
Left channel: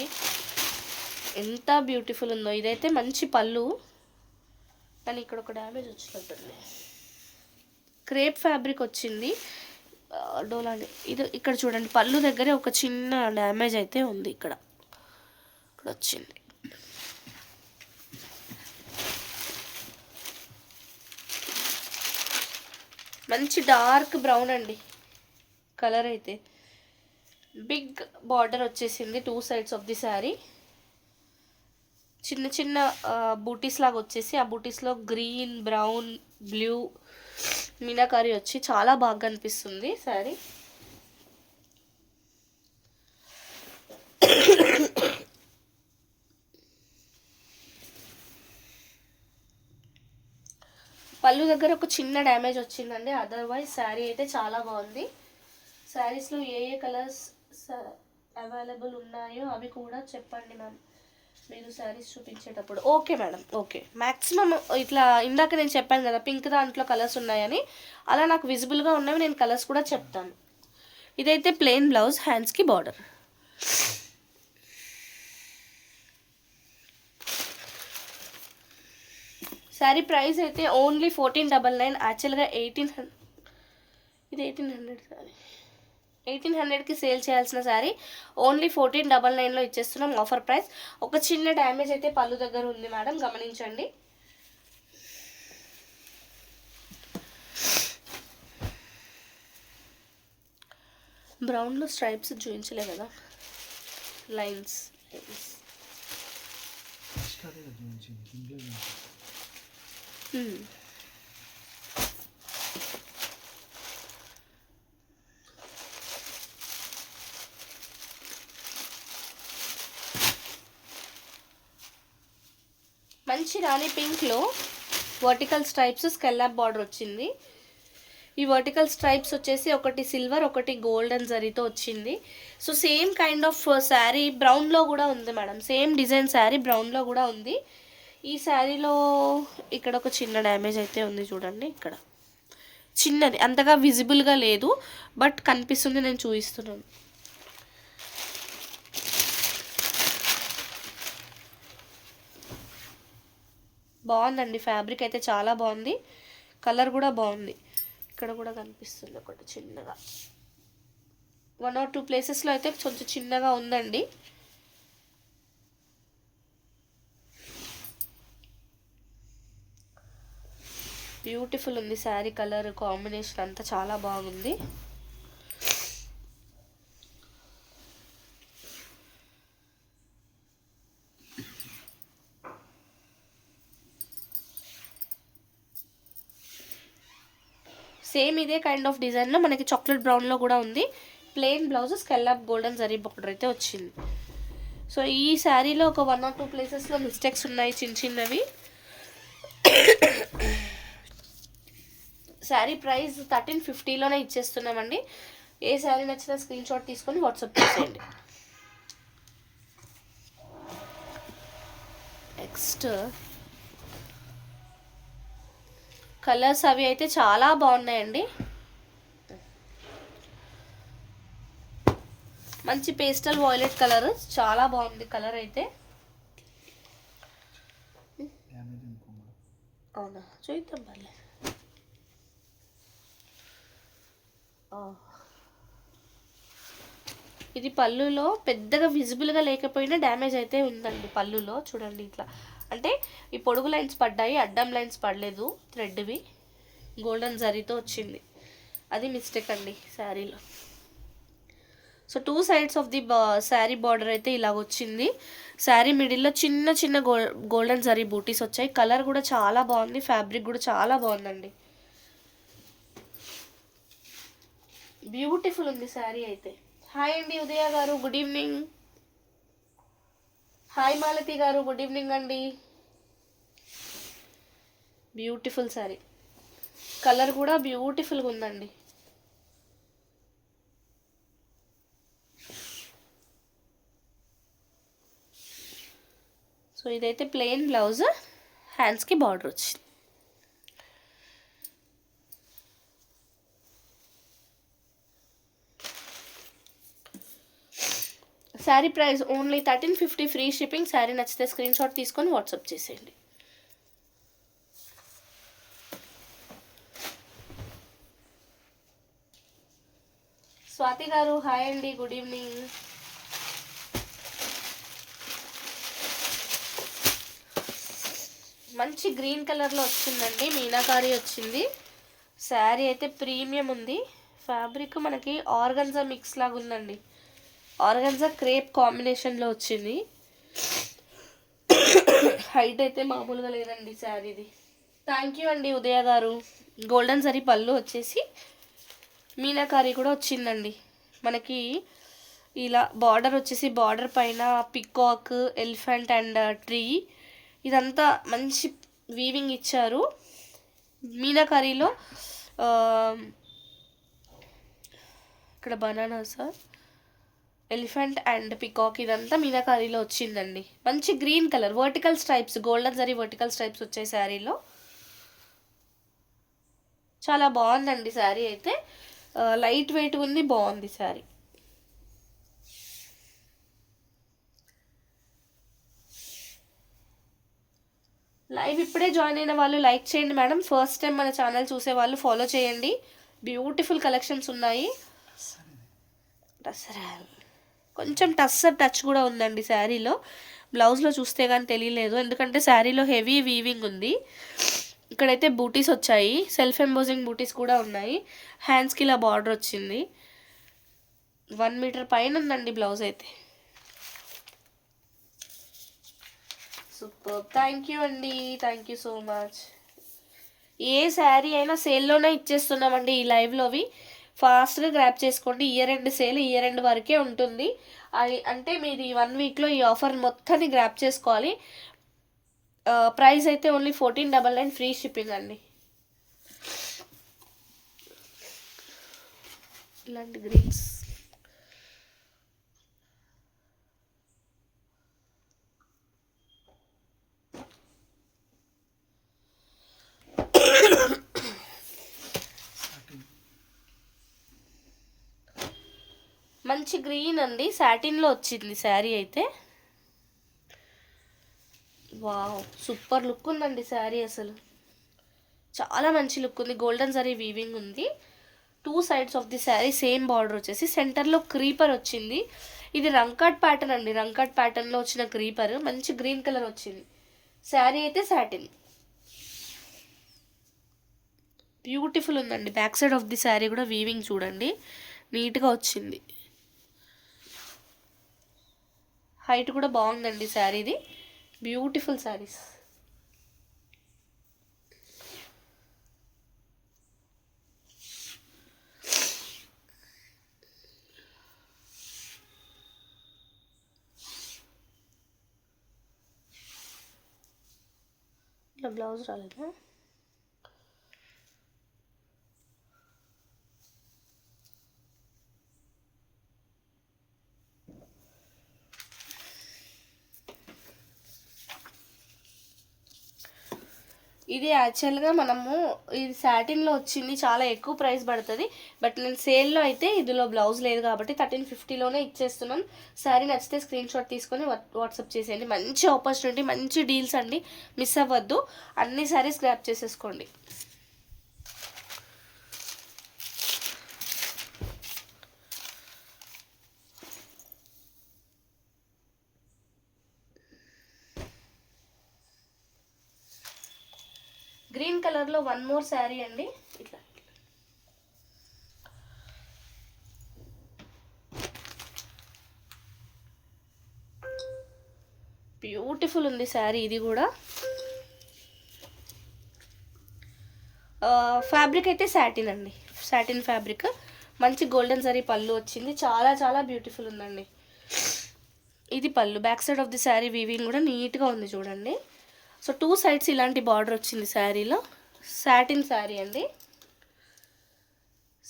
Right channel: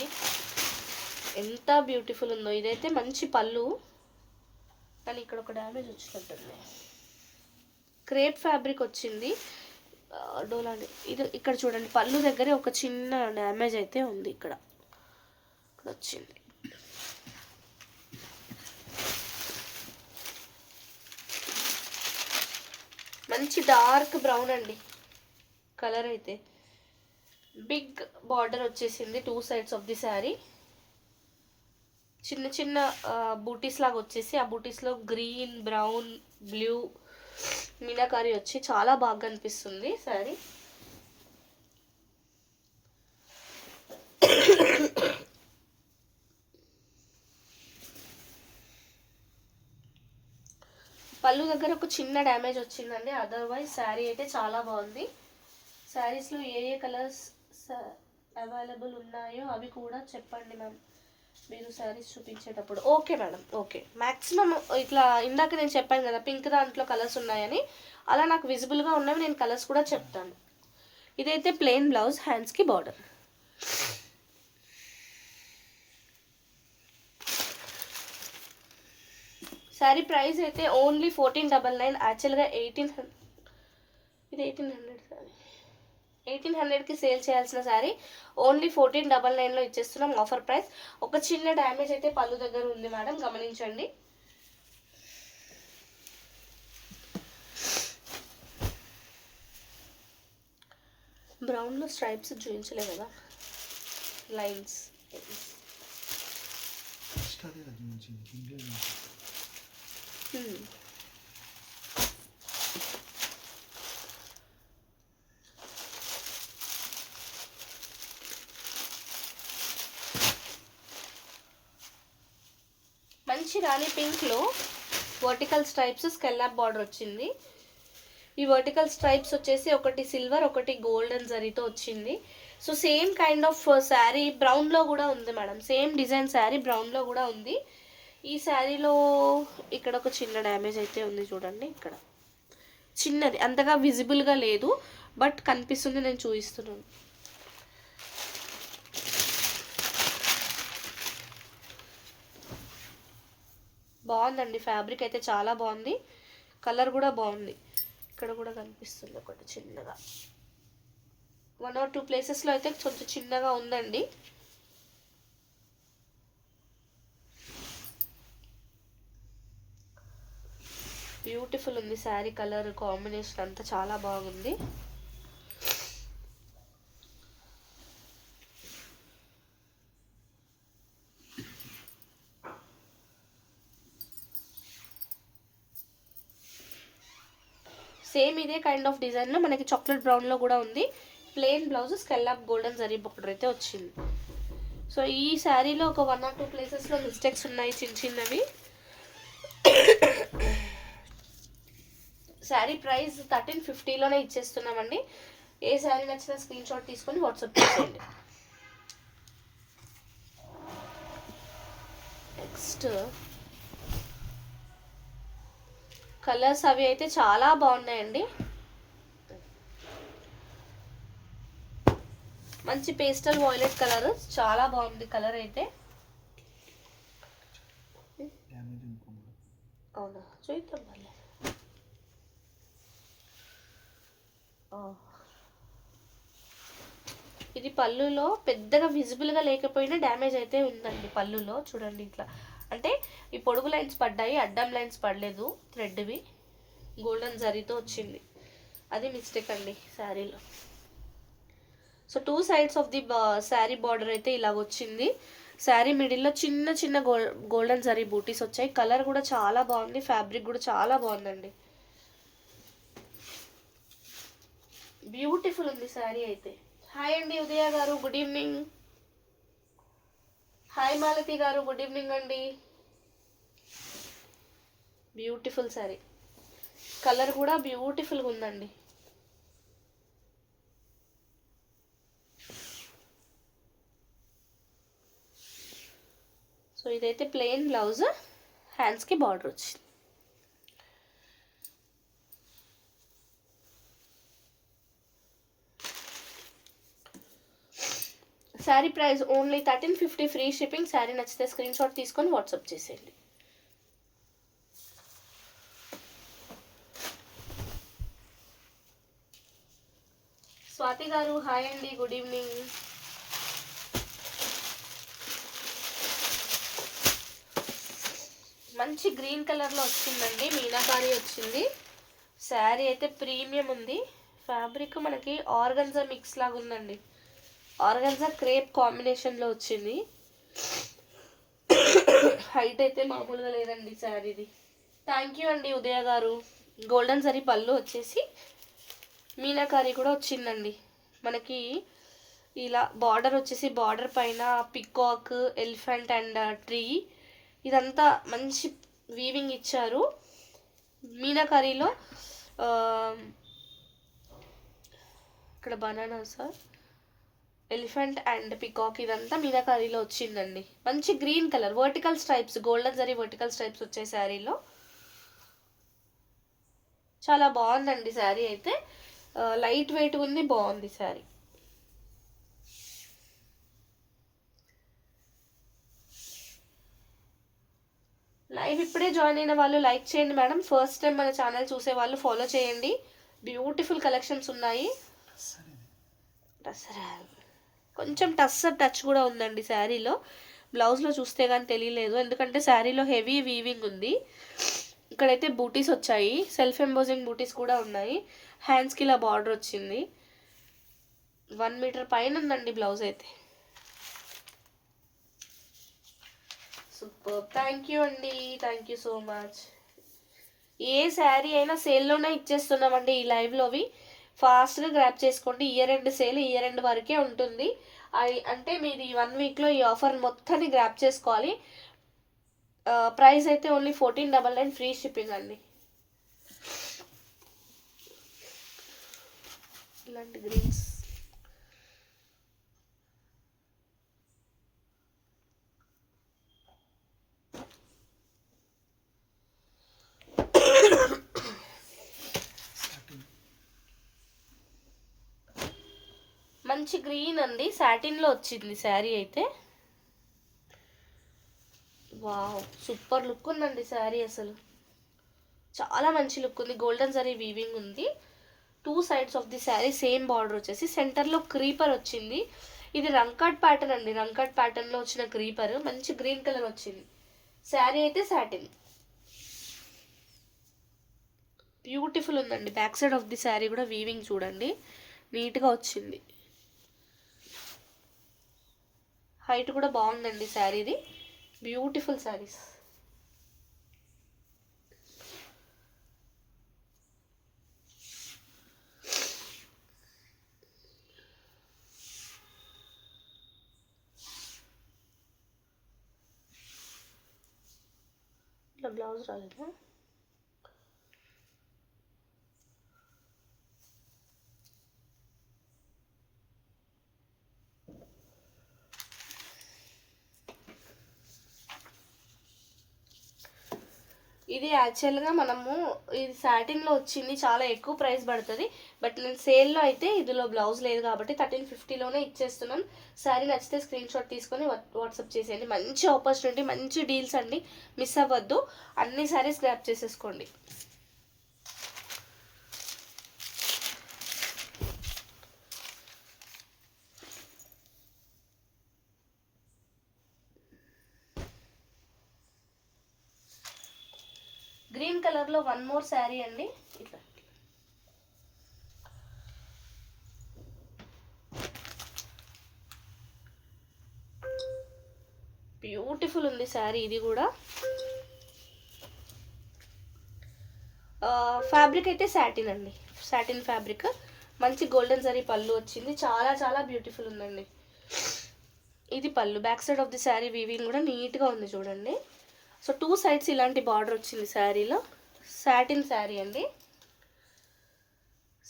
ఎంత బ్యూటిఫుల్ ఉందో. ఇదైతే మంచి పళ్ళు, కానీ ఇక్కడ ఒక డ్యామేజ్ వచ్చినట్టుంది. క్రేప్ ఫ్యాబ్రిక్ వచ్చింది డోలాని. ఇది ఇక్కడ చూడండి, పళ్ళు దగ్గరే ఒక చిన్న డ్యామేజ్ అయితే ఉంది. ఇక్కడ వచ్చింది. మంచి డార్క్ బ్రౌన్ అండి కలర్ అయితే. బిగ్ బార్డర్ వచ్చేసింది 2 sides ఆఫ్ ది శారీ. చిన్న చిన్న బూటీస్ లాగా వచ్చేసి, ఆ బూటీస్లో గ్రీన్, బ్రౌన్, బ్లూ మీనాకారి వచ్చి చాలా బాగా అనిపిస్తుంది శారీ. పళ్ళు దగ్గర ఒక చిన్న డ్యామేజ్ వచ్చిందండి, అదర్వైజ్ శారీ అయితే చాలా బాగుంది. శారీస్లో ఏ ఏ కలర్స్ అవైలబుల్ ఉన్నాయో అవి కూడా చెప్పండి మ్యామ్ మీరు శారీస్ చూపించేటప్పుడు. Okay madam, okay. మ్యాక్సిమం ఇట్లా ఇందాక నేను చెప్పాను కదా పింక్ దాంట్లో కలర్స్ ఉన్నాయని, అలా నాకు విజిబుల్గా ఉన్నవి నేను కలర్స్ కూడా చెప్తాను. ఇదైతే ప్లెయిన్ బ్లౌజ్, హ్యాండ్స్కి బార్డర్. శారీ ప్రైస్ అయితే ఓన్లీ 1499. యాక్చువల్గా 1800. ఇది 1800 శారీ. 1800కి సేల్ చేయాల్సిన శారీ ఓన్లీ 1499లో ఇచ్చేస్తున్నాం ఆఫర్ ప్రైస్. ఒక చిన్న డ్యామేజ్ అయితే పళ్ళు దగ్గర ఉంది మేడం, గమనించండి. బ్రౌన్లో స్ట్రైప్స్ చూపించలే కదా, లైన్స్. మంచి రాణి పింక్లో వర్టికల్ స్ట్రైప్స్, స్కెల్లాప్ బార్డర్ వచ్చింది. ఈ వర్టికల్ స్ట్రైప్స్ వచ్చేసి ఒకటి సిల్వర్, ఒకటి గోల్డెన్ జరీతో వచ్చింది. So same kind of sari బ్రౌన్లో కూడా ఉంది మేడం. సేమ్ డిజైన్ శారీ బ్రౌన్లో కూడా ఉంది. ఈ శారీలో ఇక్కడ ఒక చిన్న డ్యామేజ్ అయితే ఉంది చూడండి. ఇక్కడ చిన్నది, అంతగా విజిబుల్గా లేదు, బట్ కనిపిస్తుంది, నేను చూపిస్తున్నాను. బాగుందండి, ఫ్యాబ్రిక్ అయితే చాలా బాగుంది, కలర్ కూడా బాగుంది. ఇక్కడ కూడా కనిపిస్తుంది ఒకటి చిన్నగా, 1 or 2 ప్లేసెస్లో అయితే కొంచెం చిన్నగా ఉందండి. బ్యూటిఫుల్ ఉంది శారీ, కలర్ కాంబినేషన్ అంతా చాలా బాగుంది. సేమ్ ఇదే కైండ్ ఆఫ్ డిజైన్లో మనకి చాక్లెట్ బ్రౌన్లో కూడా ఉంది. Plain blouse scallop golden zari border అయితే వచ్చింది. సో ఈ శారీలో ఒక 1 or 2 ప్లేసెస్లో మిస్టేక్స్ ఉన్నాయి చిన్నవి. శారీ ప్రైస్ 1350లోనే ఇచ్చేస్తున్నామండి. ఏ శారీ నచ్చినా స్క్రీన్ షాట్ తీసుకొని వాట్సాప్ చేయండి. నెక్స్ట్ కలర్స్ అవి అయితే చాలా బాగున్నాయండి. మంచి పేస్టల్ వాయిలెట్ కలర్, చాలా బాగుంది కలర్ అయితే. అవునా, చూద్దాం మళ్ళీ. ఇది పళ్ళులో పెద్దగా విజిబుల్గా లేకపోయినా డ్యామేజ్ అయితే ఉందండి. పళ్ళులో చూడండి ఇట్లా, అంటే ఈ పొడుగు లైన్స్ పడ్డాయి, అడ్డం లైన్స్ పడలేదు. థ్రెడ్వి గోల్డెన్ జరీతో వచ్చింది, అది మిస్టేక్ అండి శారీలో. So 2 sides of the sari border అయితే ఇలా వచ్చింది. శారీ మిడిల్లో చిన్న చిన్న గోల్డెన్ జరీ బూటీస్ వచ్చాయి. కలర్ కూడా చాలా బాగుంది, ఫ్యాబ్రిక్ కూడా చాలా బాగుందండి. బ్యూటిఫుల్ ఉంది శారీ అయితే. హాయ్ అండి ఉదయ గారు, గుడ్ ఈవినింగ్. హాయ్ మాలతి గారు, గుడ్ ఈవినింగ్ అండి. బ్యూటిఫుల్ శారీ, కలర్ కూడా బ్యూటిఫుల్గా ఉందండి. సో ఇదైతే ప్లెయిన్ బ్లౌజ్, హ్యాండ్స్కి బార్డర్ వచ్చింది. Sari price only 1350, free shipping. Sari నచ్చితే స్క్రీన్ షాట్ తీసుకొని వాట్సాప్ చేసేయండి. స్వాతి గారు హాయ్ అండి, గుడ్ ఈవినింగ్. మంచి గ్రీన్ కలర్లో వచ్చిందండి, మీనాకారి వచ్చింది. శారీ అయితే ప్రీమియం ఉంది. ఫ్యాబ్రిక్ మనకి ఆర్గన్జా మిక్స్ లాగా ఉందండి, ఆర్గన్జా క్రేప్ కాంబినేషన్లో వచ్చింది. హైట్ అయితే మామూలుగా లేదండి శారీది. థ్యాంక్ యూ అండి ఉదయ గారు. గోల్డెన్ జరీ పళ్ళు వచ్చేసి మీనాకారి కూడా వచ్చిందండి. మనకి ఇలా బార్డర్ వచ్చేసి, బార్డర్ పైన పికాక్, ఎలిఫెంట్ అండ్ ట్రీ, ఇదంతా మంచి వీవింగ్ ఇచ్చారు. మీనాకారిలో ఇక్కడ banana sir, elephant and peacock, ఇదంతా మీనాకారిలో వచ్చిందండి. మంచి green colour, vertical stripes, golden zari vertical stripes వచ్చాయి శారీలో. చాలా బాగుందండి శారీ అయితే, లైట్ వెయిట్ ఉంది, బాగుంది శారీ. లైవ్ ఇప్పుడే జాయిన్ అయిన వాళ్ళు లైక్ చేయండి మేడం. ఫస్ట్ టైం మన ఛానల్ చూసే వాళ్ళు ఫాలో చేయండి. బ్యూటిఫుల్ కలెక్షన్స్ ఉన్నాయి. కొంచెం టచ్ కూడా ఉందండి శారీలో. బ్లౌజ్లో చూస్తే కానీ తెలియలేదు, ఎందుకంటే శారీలో హెవీ వీవింగ్ ఉంది. ఇక్కడైతే బూటీస్ వచ్చాయి, సెల్ఫ్ ఎంబోజింగ్ బూటీస్ కూడా ఉన్నాయి. హ్యాండ్స్కి ఇలా బార్డర్ వచ్చింది. 1 మీటర్ పైన ఉందండి బ్లౌజ్ అయితే. సూపర్, థ్యాంక్ యూ అండి, థ్యాంక్ యూ సో మచ్. ఏ శారీ అయినా సేల్లోనే ఇచ్చేస్తున్నామండి ఈ లైవ్లోవి. ఫాస్ట్గా గ్రాప్ చేసుకోండి. Year end sale, year end వరకే ఉంటుంది. అది అంటే మీది 1 వీక్లో ఈ ఆఫర్ మొత్తాన్ని గ్రాప్ చేసుకోవాలి. ప్రైస్ అయితే ఓన్లీ 1499, ఫ్రీ షిప్పింగ్ అండి. ఇలాంటి గ్రీన్స్ మంచి గ్రీన్ అండి, సాటిన్లో వచ్చింది శారీ అయితే. వావ్, సూపర్ లుక్ ఉందండి శారీ, అసలు చాలా మంచి లుక్ ఉంది. గోల్డెన్ జరీ వీవింగ్ ఉంది. 2 sides of the sari same border వచ్చేసి, సెంటర్లో క్రీపర్ వచ్చింది. ఇది రంకాట్ ప్యాటర్న్ అండి, రంకాట్ ప్యాటర్న్లో వచ్చిన క్రీపర్. మంచి గ్రీన్ కలర్ వచ్చింది. శారీ అయితే సాటిన్, బ్యూటిఫుల్ ఉందండి. Back side of the sari కూడా వీవింగ్ చూడండి, నీట్గా వచ్చింది. హైట్ కూడా బాగుందండి శారీది. బ్యూటిఫుల్ శారీస్. నా బ్లౌజ్ రాలేదా? ఇది యాక్చువల్గా మనము ఇది సాటిన్లో వచ్చింది, చాలా ఎక్కువ ప్రైస్ పడుతుంది. బట్ నేను సేల్లో అయితే ఇందులో బ్లౌజ్ లేదు కాబట్టి 1350లోనే ఇచ్చేస్తున్నాం. శారీ నచ్చితే స్క్రీన్ షాట్ తీసుకొని వాట్సాప్ చేసేయండి. మంచి ఆపర్చునిటీ, మంచి డీల్స్ అండి, మిస్ అవ్వద్దు. అన్ని శారీస్ గ్రాప్ చేసేసుకోండి. గ్రీన్ కలర్లో వన్ మోర్ శారీ అండి. ఇట్లా బ్యూటిఫుల్ ఉంది శారీ. ఇది కూడా ఫ్యాబ్రిక్ అయితే సాటిన్ అండి, సాటిన్ ఫ్యాబ్రిక్. మంచి గోల్డెన్ జరీ పళ్ళు వచ్చింది, చాలా చాలా బ్యూటిఫుల్ ఉందండి. ఇది పళ్ళు. Back side of the sari weaving కూడా నీట్గా ఉంది చూడండి. సో 2 సైడ్స్ ఇలాంటి బార్డర్ వచ్చింది శారీలో. సాటిన్ శారీ అండి.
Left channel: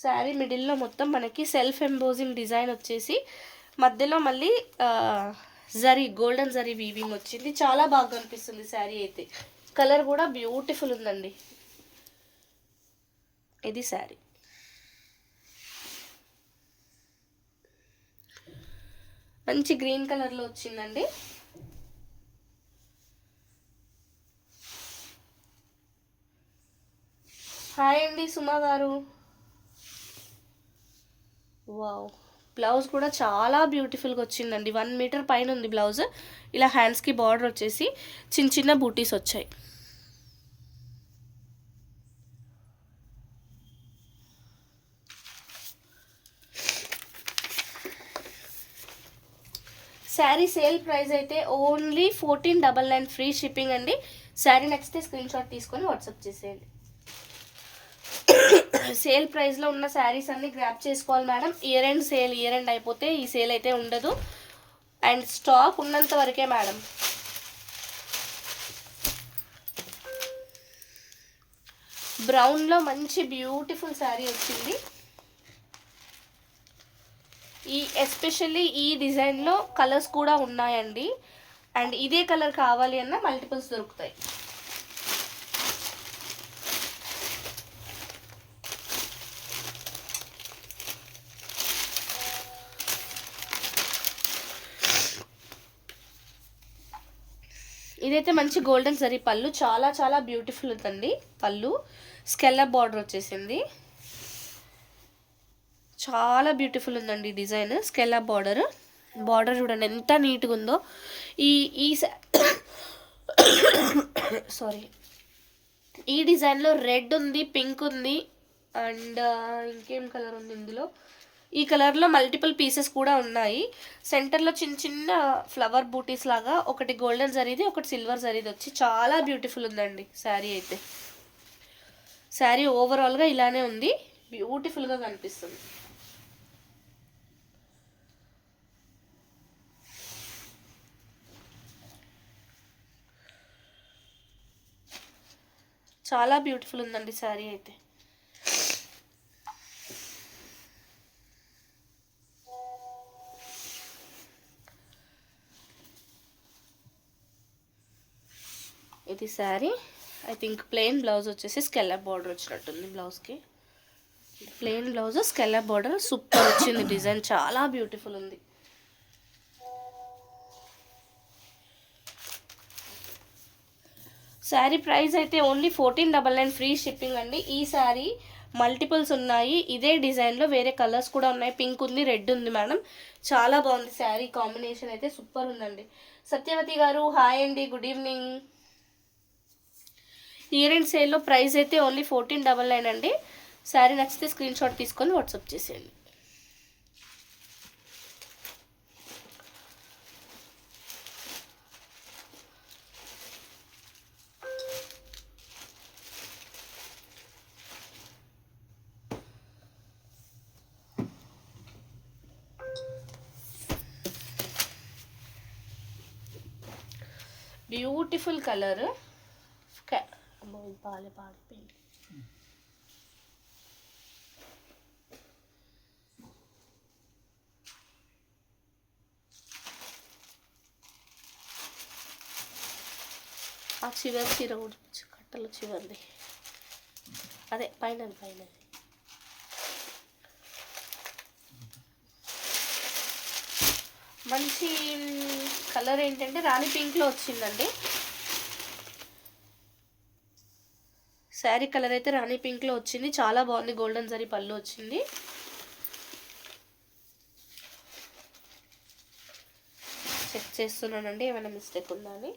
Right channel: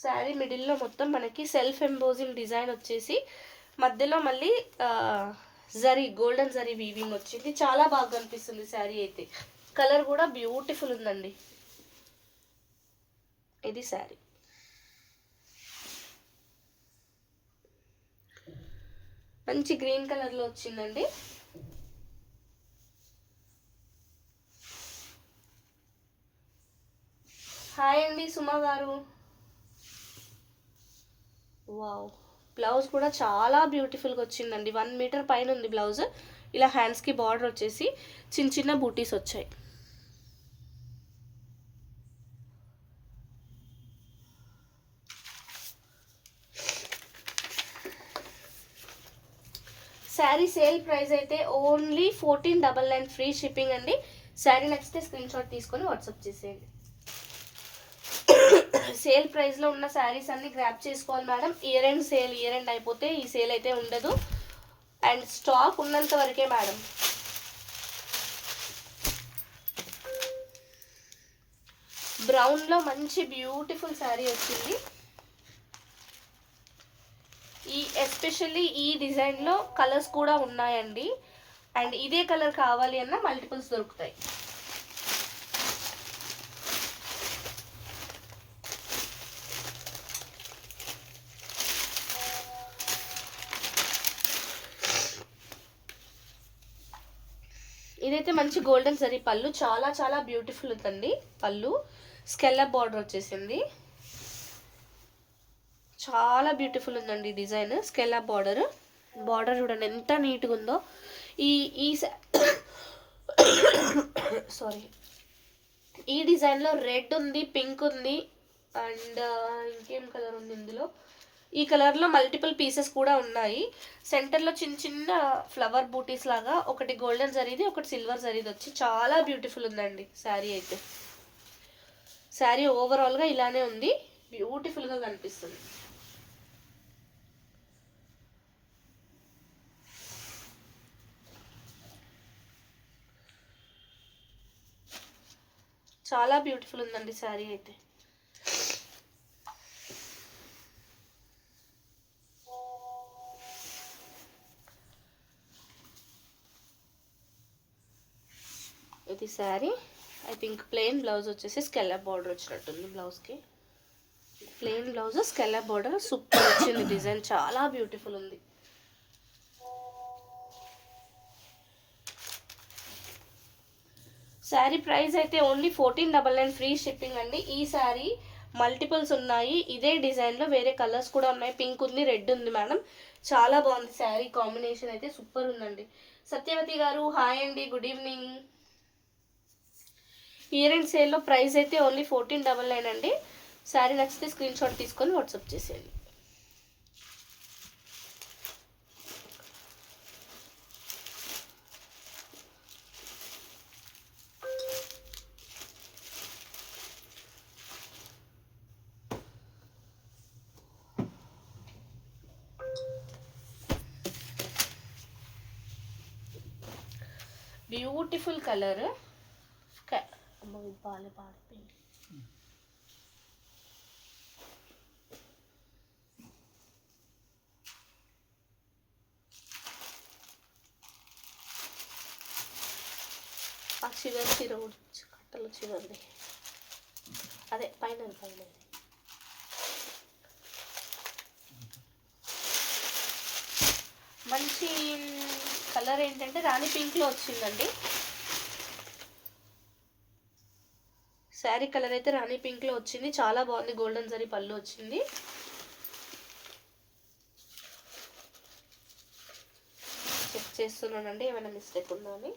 శారీ మిడిల్లో మొత్తం మనకి సెల్ఫ్ ఎంబోజింగ్ డిజైన్ వచ్చేసి మధ్యలో మళ్ళీ జరీ, గోల్డెన్ జరీ వీవింగ్ వచ్చింది. చాలా బాగా కనిపిస్తుంది శారీ అయితే. కలర్ కూడా బ్యూటిఫుల్ ఉందండి. ఇది శారీ. మంచి గ్రీన్ కలర్లో వచ్చిందండి. హాయ్ అండి సుమా గారు. వావ్, బ్లౌజ్ కూడా చాలా బ్యూటిఫుల్గా వచ్చిందండి. 1 మీటర్ పైన ఉంది బ్లౌజ్. ఇలా హ్యాండ్స్కి బార్డర్ వచ్చేసి చిన్న చిన్న బూటీస్ వచ్చాయి. శారీ సేల్ ప్రైస్ అయితే ఓన్లీ 1499 ఫ్రీ షిప్పింగ్ అండి. శారీ నచ్చితే స్క్రీన్ షాట్ తీసుకొని వాట్సాప్ చేసేయండి. సేల్ ప్రైస్లో ఉన్న శారీస్ అన్ని గ్రాప్ చేసుకోవాలి madam. Year end sale, year end అయిపోతే ఈ సేల్ అయితే ఉండదు. అండ్ స్టాక్ ఉన్నంత వరకే మేడం. బ్రౌన్లో మంచి బ్యూటిఫుల్ శారీ వచ్చింది. ఎస్పెషల్లీ ఈ డిజైన్లో కలర్స్ కూడా ఉన్నాయండి. అండ్ ఇదే కలర్ కావాలి అన్న మల్టిపుల్స్ దొరుకుతాయి. ఇదైతే మంచి గోల్డెన్ జరీ పళ్ళు, చాలా చాలా బ్యూటిఫుల్ ఉందండి. పళ్ళు స్కెల్లప్ బార్డర్ వచ్చేసింది, చాలా బ్యూటిఫుల్ ఉందండి డిజైన్. స్కెల్లప్ బార్డర్, బార్డర్ చూడండి ఎంత నీట్గా ఉందో. ఈ సారీ, ఈ డిజైన్లో రెడ్ ఉంది, పింక్ ఉంది, అండ్ ఇంకేం కలర్ ఉంది ఇందులో. ఈ కలర్లో మల్టిపుల్ పీసెస్ కూడా ఉన్నాయి. సెంటర్లో చిన్న చిన్న ఫ్లవర్ బూటీస్ లాగా, ఒకటి గోల్డెన్ జరీది, ఒకటి సిల్వర్ జరీది వచ్చి చాలా బ్యూటిఫుల్ ఉందండి శారీ అయితే. శారీ ఓవరాల్గా ఇలానే ఉంది, బ్యూటిఫుల్గా కనిపిస్తుంది. చాలా బ్యూటిఫుల్ ఉందండి శారీ అయితే. ఇది sari. I think plain blouse వచ్చేసి స్కెల్లప్ బార్డర్ వచ్చినట్టుంది బ్లౌజ్కి. ప్లెయిన్ బ్లౌజ్, స్కెల్లప్ బార్డర్, సూపర్ వచ్చింది డిజైన్, చాలా బ్యూటిఫుల్ ఉంది. శారీ ప్రైస్ అయితే ఓన్లీ 1499 ఫ్రీ షిప్పింగ్ అండి. ఈ శారీ మల్టిపుల్స్ ఉన్నాయి, ఇదే డిజైన్లో వేరే కలర్స్ కూడా ఉన్నాయి. పింక్ ఉంది, రెడ్ ఉంది మేడం, చాలా బాగుంది శారీ కాంబినేషన్ అయితే, సూపర్ ఉందండి. సత్యవతి గారు హాయ్ అండి, గుడ్ ఈవినింగ్. ఇయర్ అండ్ సేల్లో ప్రైస్ అయితే ఓన్లీ 1499 అండి. శారీ నచ్చితే స్క్రీన్ షాట్ తీసుకొని వాట్సాప్ చేసేయండి. బ్యూటిఫుల్ కలర్, ఇది పాడిపోయింది. ఆ చివరి చీర కూడా కట్టలు చివరిది, అదే పైన మంచి కలర్ ఏంటంటే రాణి పింక్లో వచ్చిందండి. శారీ కలర్ అయితే రాణి పింక్లో వచ్చింది, చాలా బాగుంది. గోల్డెన్ జరీ పళ్ళు వచ్చింది. చెక్ చేస్తున్నానండి ఏమైనా మిస్టేక్ ఉందా అని.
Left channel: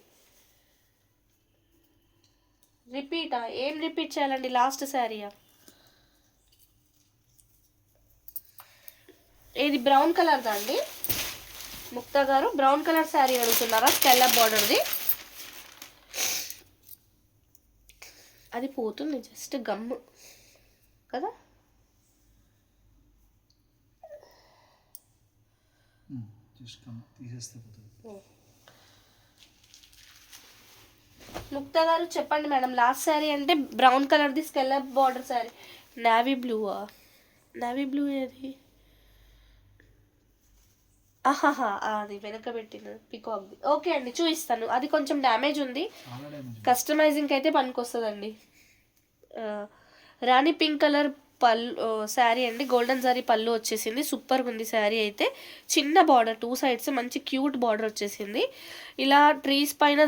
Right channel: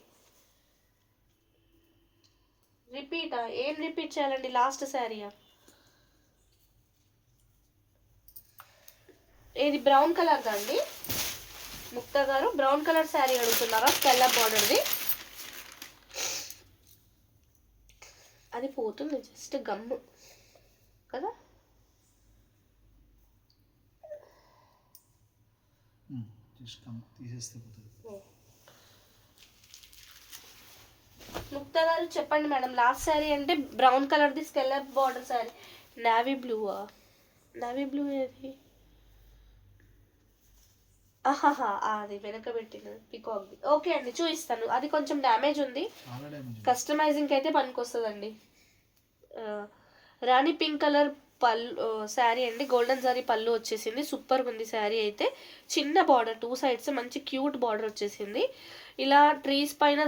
రిపీటా? ఏం రిపీట్ చేయాలండి? లాస్ట్ శారీయా? ఇది బ్రౌన్ కలర్దా అండి? ముక్తా గారు బ్రౌన్ కలర్ శారీ అడుగుతున్నారా? స్కెల్లప్ బార్డర్ది. అది పోతుంది, జస్ట్ గమ్ము కదా. ముక్తా గారు చెప్పండి మేడం, లాస్ట్ శారీ అంటే బ్రౌన్ కలర్ది స్కెల్లప్ బార్డర్ శారీ. నావీ బ్లూవా? నావీ బ్లూ ఏది? ఆహాహా, అది వెనక పెట్టిన పికాక్ది. ఓకే అండి, చూపిస్తాను. అది కొంచెం డ్యామేజ్ ఉంది, కస్టమైజింగ్కి అయితే పనికొస్తుందండి. రాణి పింక్ కలర్ పళ్ళు శారీ అండి, గోల్డెన్ శారీ పళ్ళు వచ్చేసింది. సూపర్గా ఉంది శారీ అయితే. చిన్న బార్డర్, 2 sides మంచి క్యూట్ బార్డర్ వచ్చేసింది. ఇలా ట్రీస్ పైన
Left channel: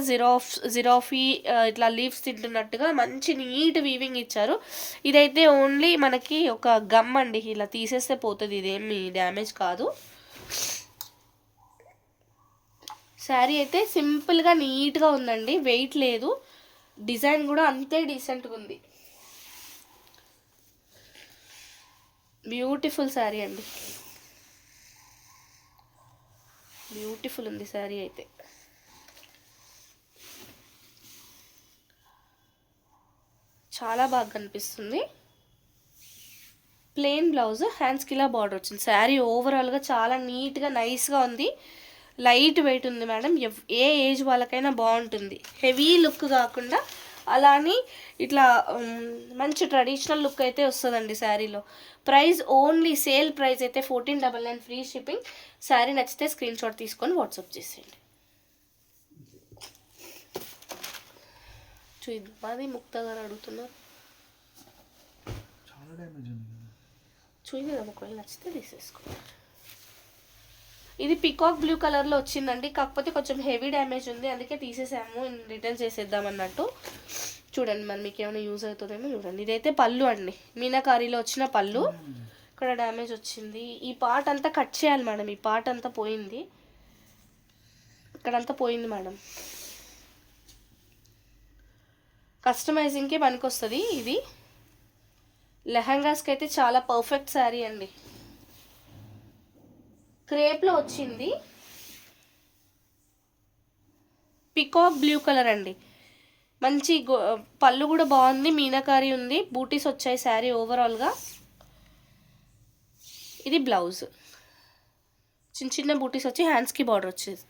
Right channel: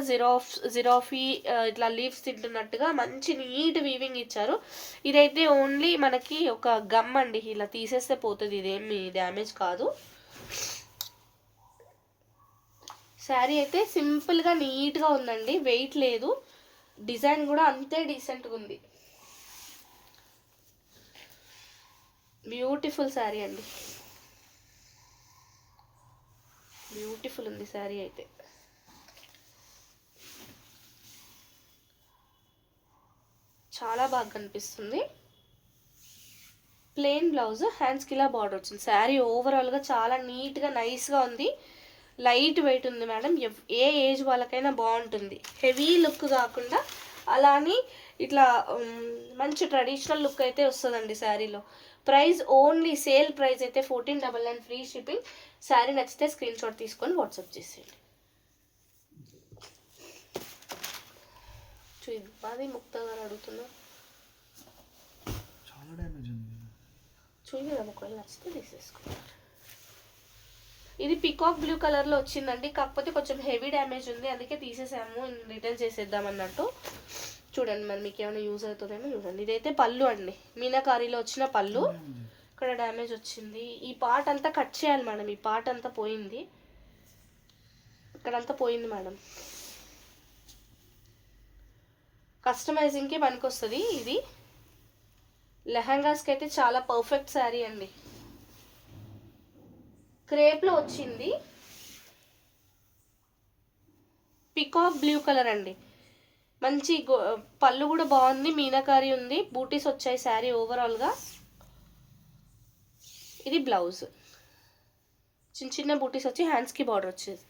జిరాఫీ ఇట్లా లీవ్స్ తింటున్నట్టుగా మంచి నీట్ వీవింగ్ ఇచ్చారు. ఇదైతే ఓన్లీ మనకి ఒక గమ్ అండి, ఇలా తీసేస్తే పోతుంది, ఇదేమి డ్యామేజ్ కాదు. శారీ అయితే సింపుల్గా నీట్గా ఉందండి, వెయిట్ లేదు. డిజైన్ కూడా అంతే డీసెంట్గా ఉంది. బ్యూటిఫుల్ శారీ అండి, బ్యూటిఫుల్ ఉంది శారీ అయితే. చాలా బాగా కనిపిస్తుంది. ప్లెయిన్ బ్లౌజ్, హ్యాండ్స్కి ఇలా బార్డర్ వచ్చింది. శారీ ఓవరాల్గా చాలా నీట్గా నైస్గా ఉంది. లైట్ వెయిట్ ఉంది మేడం, ఏ ఏజ్ వాళ్ళకైనా బాగుంటుంది. హెవీ లుక్ కాకుండా అలానే ఇట్లా మంచి ట్రెడిషనల్ లుక్ అయితే వస్తుందండి శారీలో. ప్రైస్ ఓన్లీ సేల్ ప్రైస్ అయితే 1499 ఫ్రీ షిప్పింగ్. శారీ నచ్చితే స్క్రీన్ షాట్ తీసుకొని వాట్సాప్ చేసేయండి. అది ముక్తా గారు అడుగుతున్నారు, చూద్దాం, ఒకవేళ నచ్చితే తీసేసుకోండి. ఇది పికాక్ బ్లూ కలర్లో వచ్చిందండి, కాకపోతే కొంచెం హెవీ డ్యామేజ్ ఉంది, అందుకే తీసేసాము, రిటర్న్ చేసేద్దాం అన్నట్టు. చూడండి మరి మీకు ఏమైనా యూజ్ అవుతుందేమో చూడండి. ఇదైతే పళ్ళు అండి, మీనాకారీలో వచ్చిన పళ్ళు. ఇక్కడ డ్యామేజ్ వచ్చింది. ఈ పార్ట్ అంతా కట్ చేయాలి మేడం, ఈ పార్ట్ అంతా పోయింది, ఇక్కడంతా పోయింది మేడం. కస్టమైజింగ్కి పనికొస్తుంది ఇది. లెహంగాస్కి అయితే చాలా పర్ఫెక్ట్ శారీ అండి. క్రేప్లో వచ్చింది, పికాక్ బ్లూ కలర్ అండి. మంచి పళ్ళు కూడా బాగుంది, మీనాకారి ఉంది, బూటీస్ వచ్చాయి శారీ ఓవరాల్గా. ఇది బ్లౌజ్, చిన్న చిన్న బూటీస్ వచ్చి హ్యాండ్స్కి బార్డర్ వచ్చేది.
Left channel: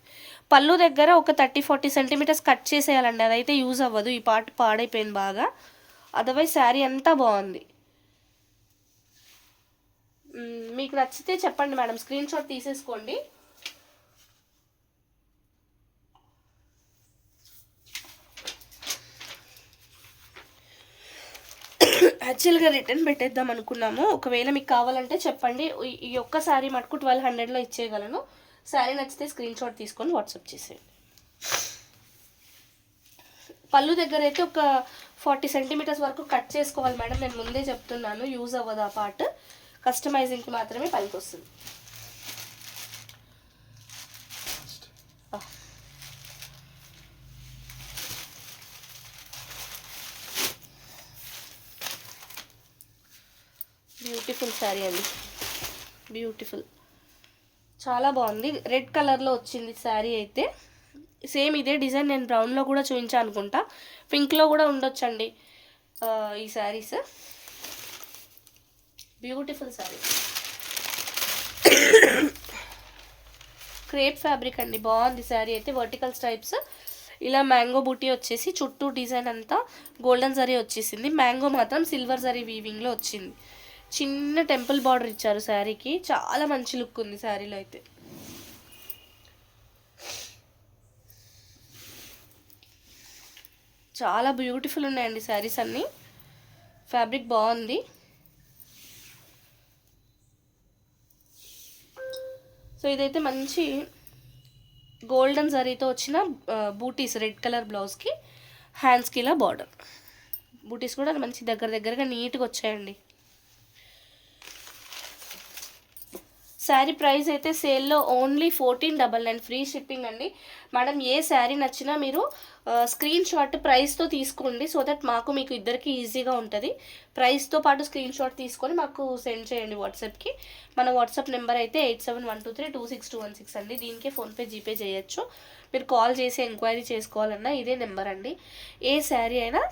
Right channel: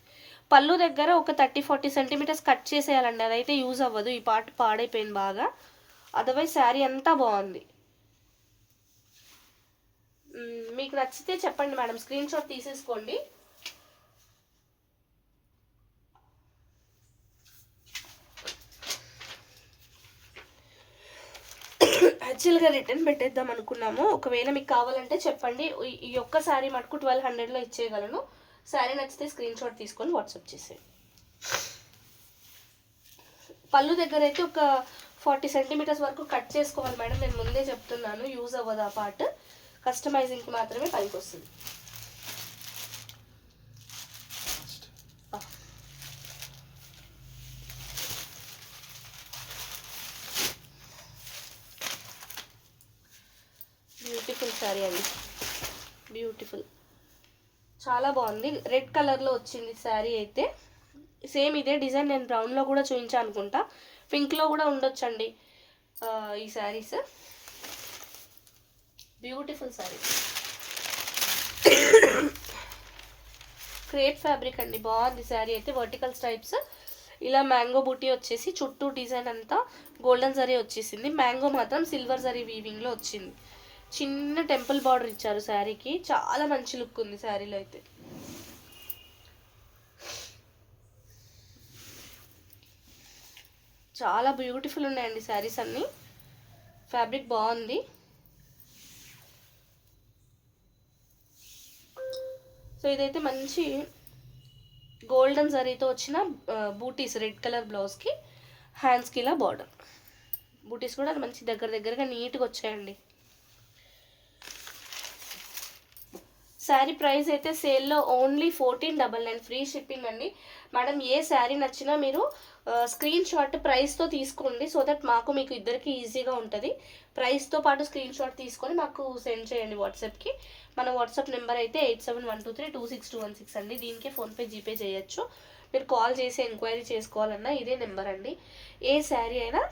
పళ్ళు దగ్గర ఒక 30-40 సెంటీమీటర్స్ కట్ చేసేయాలండి, అదైతే యూజ్ అవ్వదు, ఈ పార్ట్ పాడైపోయింది బాగా. అదర్వైజ్ శారీ అంతా బాగుంది. మీకు నచ్చితే చెప్పండి మేడం, స్క్రీన్ షాట్ తీసేసుకోండి. యాక్చువల్గా రిటర్న్ పెట్టేద్దాం అనుకున్నాము, ఒకవేళ మీకు కావాలంటే చెప్పండి. ఈ ఒక్క శారీ మటుకు 1200లో ఇచ్చేయగలను. శారీ నచ్చితే స్క్రీన్ షాట్ తీసుకొని వాట్సాప్ చేసేయండి. పళ్ళు దగ్గర అయితే ఒక 40 సెంటీమీటర్స్ వరకు కట్ చేసుకోవాలి మేడం, నేను ముందే చెప్తున్నాను, యూజ్ అవ్వదు ఆ పార్ట్, కస్టమైజింగ్కి మాత్రమే పనికి వస్తుంది. బ్యూటిఫుల్ శారీ అండి, బ్యూటిఫుల్, చాలా బాగుంది. రెడ్ కలర్లో వచ్చింది శారీ అయితే. సేమ్ ఇదే డిజైన్ నేను బ్రౌన్లో కూడా చూపించాను అనుకుంటా, పింక్లో కూడా ఉండొచ్చండి ఈ saris. Beautiful sari, crepe fabric అండి, బాగుంది శారీ అయితే. వర్టికల్ స్ట్రైప్స్, ఇలా మ్యాంగో బూటీ వచ్చేసి చుట్టూ డిజైన్ అంతా గోల్డెన్ జరీ వచ్చేసింది. మ్యాంగో మాత్రం సిల్వర్ జరీ వీవింగ్లో వచ్చింది. చిన్న టెంపుల్ బార్డర్ ఇచ్చారు శారీకి. చాలా మంచి లుక్ ఉంది శారీలో అయితే. చాలా బ్యూటిఫుల్ ఉన్నాయండి శారీస్ అన్నీ. ఫ్యాబ్రిక్ బాగుంది. సో ఇదైతే మంచి గోల్డెన్ జరీతో వచ్చిన బూటీస్, రెడ్ కలర్ బ్లౌజ్కి హ్యాండ్స్కి ఇలా బార్డర్. బూటీస్ కూడా మంచి దగ్గరగా నీట్గా వచ్చాయండి. శారీ ప్రైస్ అయితే సేల్లో ఓన్లీ 1499 ఫ్రీ షిప్పింగ్ అండి. మేడం ఏ శారీ నచ్చినా మీరు స్క్రీన్ షాట్ ప్రైస్తో తీసుకోండి. సో దట్ మాకు మీకు ఇద్దరికి ఈజీగా ఉంటుంది. ప్రైస్తో పాటు స్క్రీన్ షాట్ తీసుకొని మాకు సెండ్ చేయండి వాట్సాప్కి. మన వాట్సాప్ నెంబర్ అయితే 8712326216 అండి. దీనికే ఫోన్పే జీపే చేయొచ్చు. మీరు కాల్ చేసి ఎంక్వైరీ చేసుకోవాలన్నా ఇదే నెంబర్ అండి. ఏ శారీ అయినా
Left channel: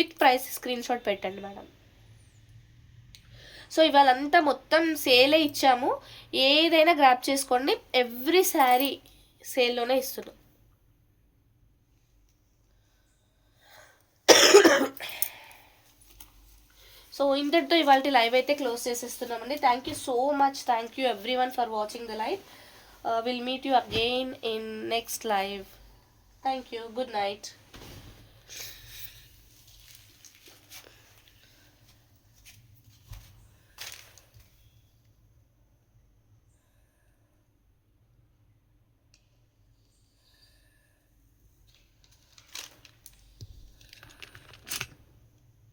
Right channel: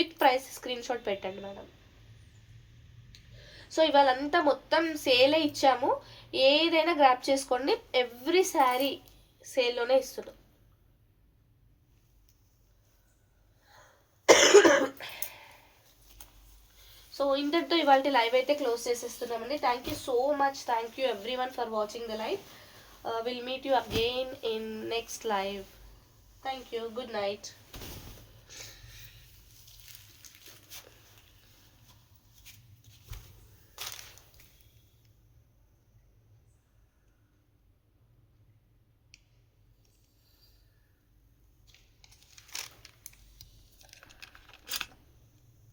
విత్ ప్రైస్ స్క్రీన్ షాట్ పెట్టండి మేడం. సో ఇవాళంతా మొత్తం సేలే ఇచ్చాము. ఏదైనా గ్రాప్ చేసుకోండి. ఎవ్రీ శారీ సేల్లోనే ఇస్తున్నాం. సో ఇంతటితో ఇవాళ లైవ్ అయితే క్లోజ్ చేసేస్తున్నామండి. Thank you so much. Thank you everyone for watching the live. Will meet you again in next live. Thank you. Good night.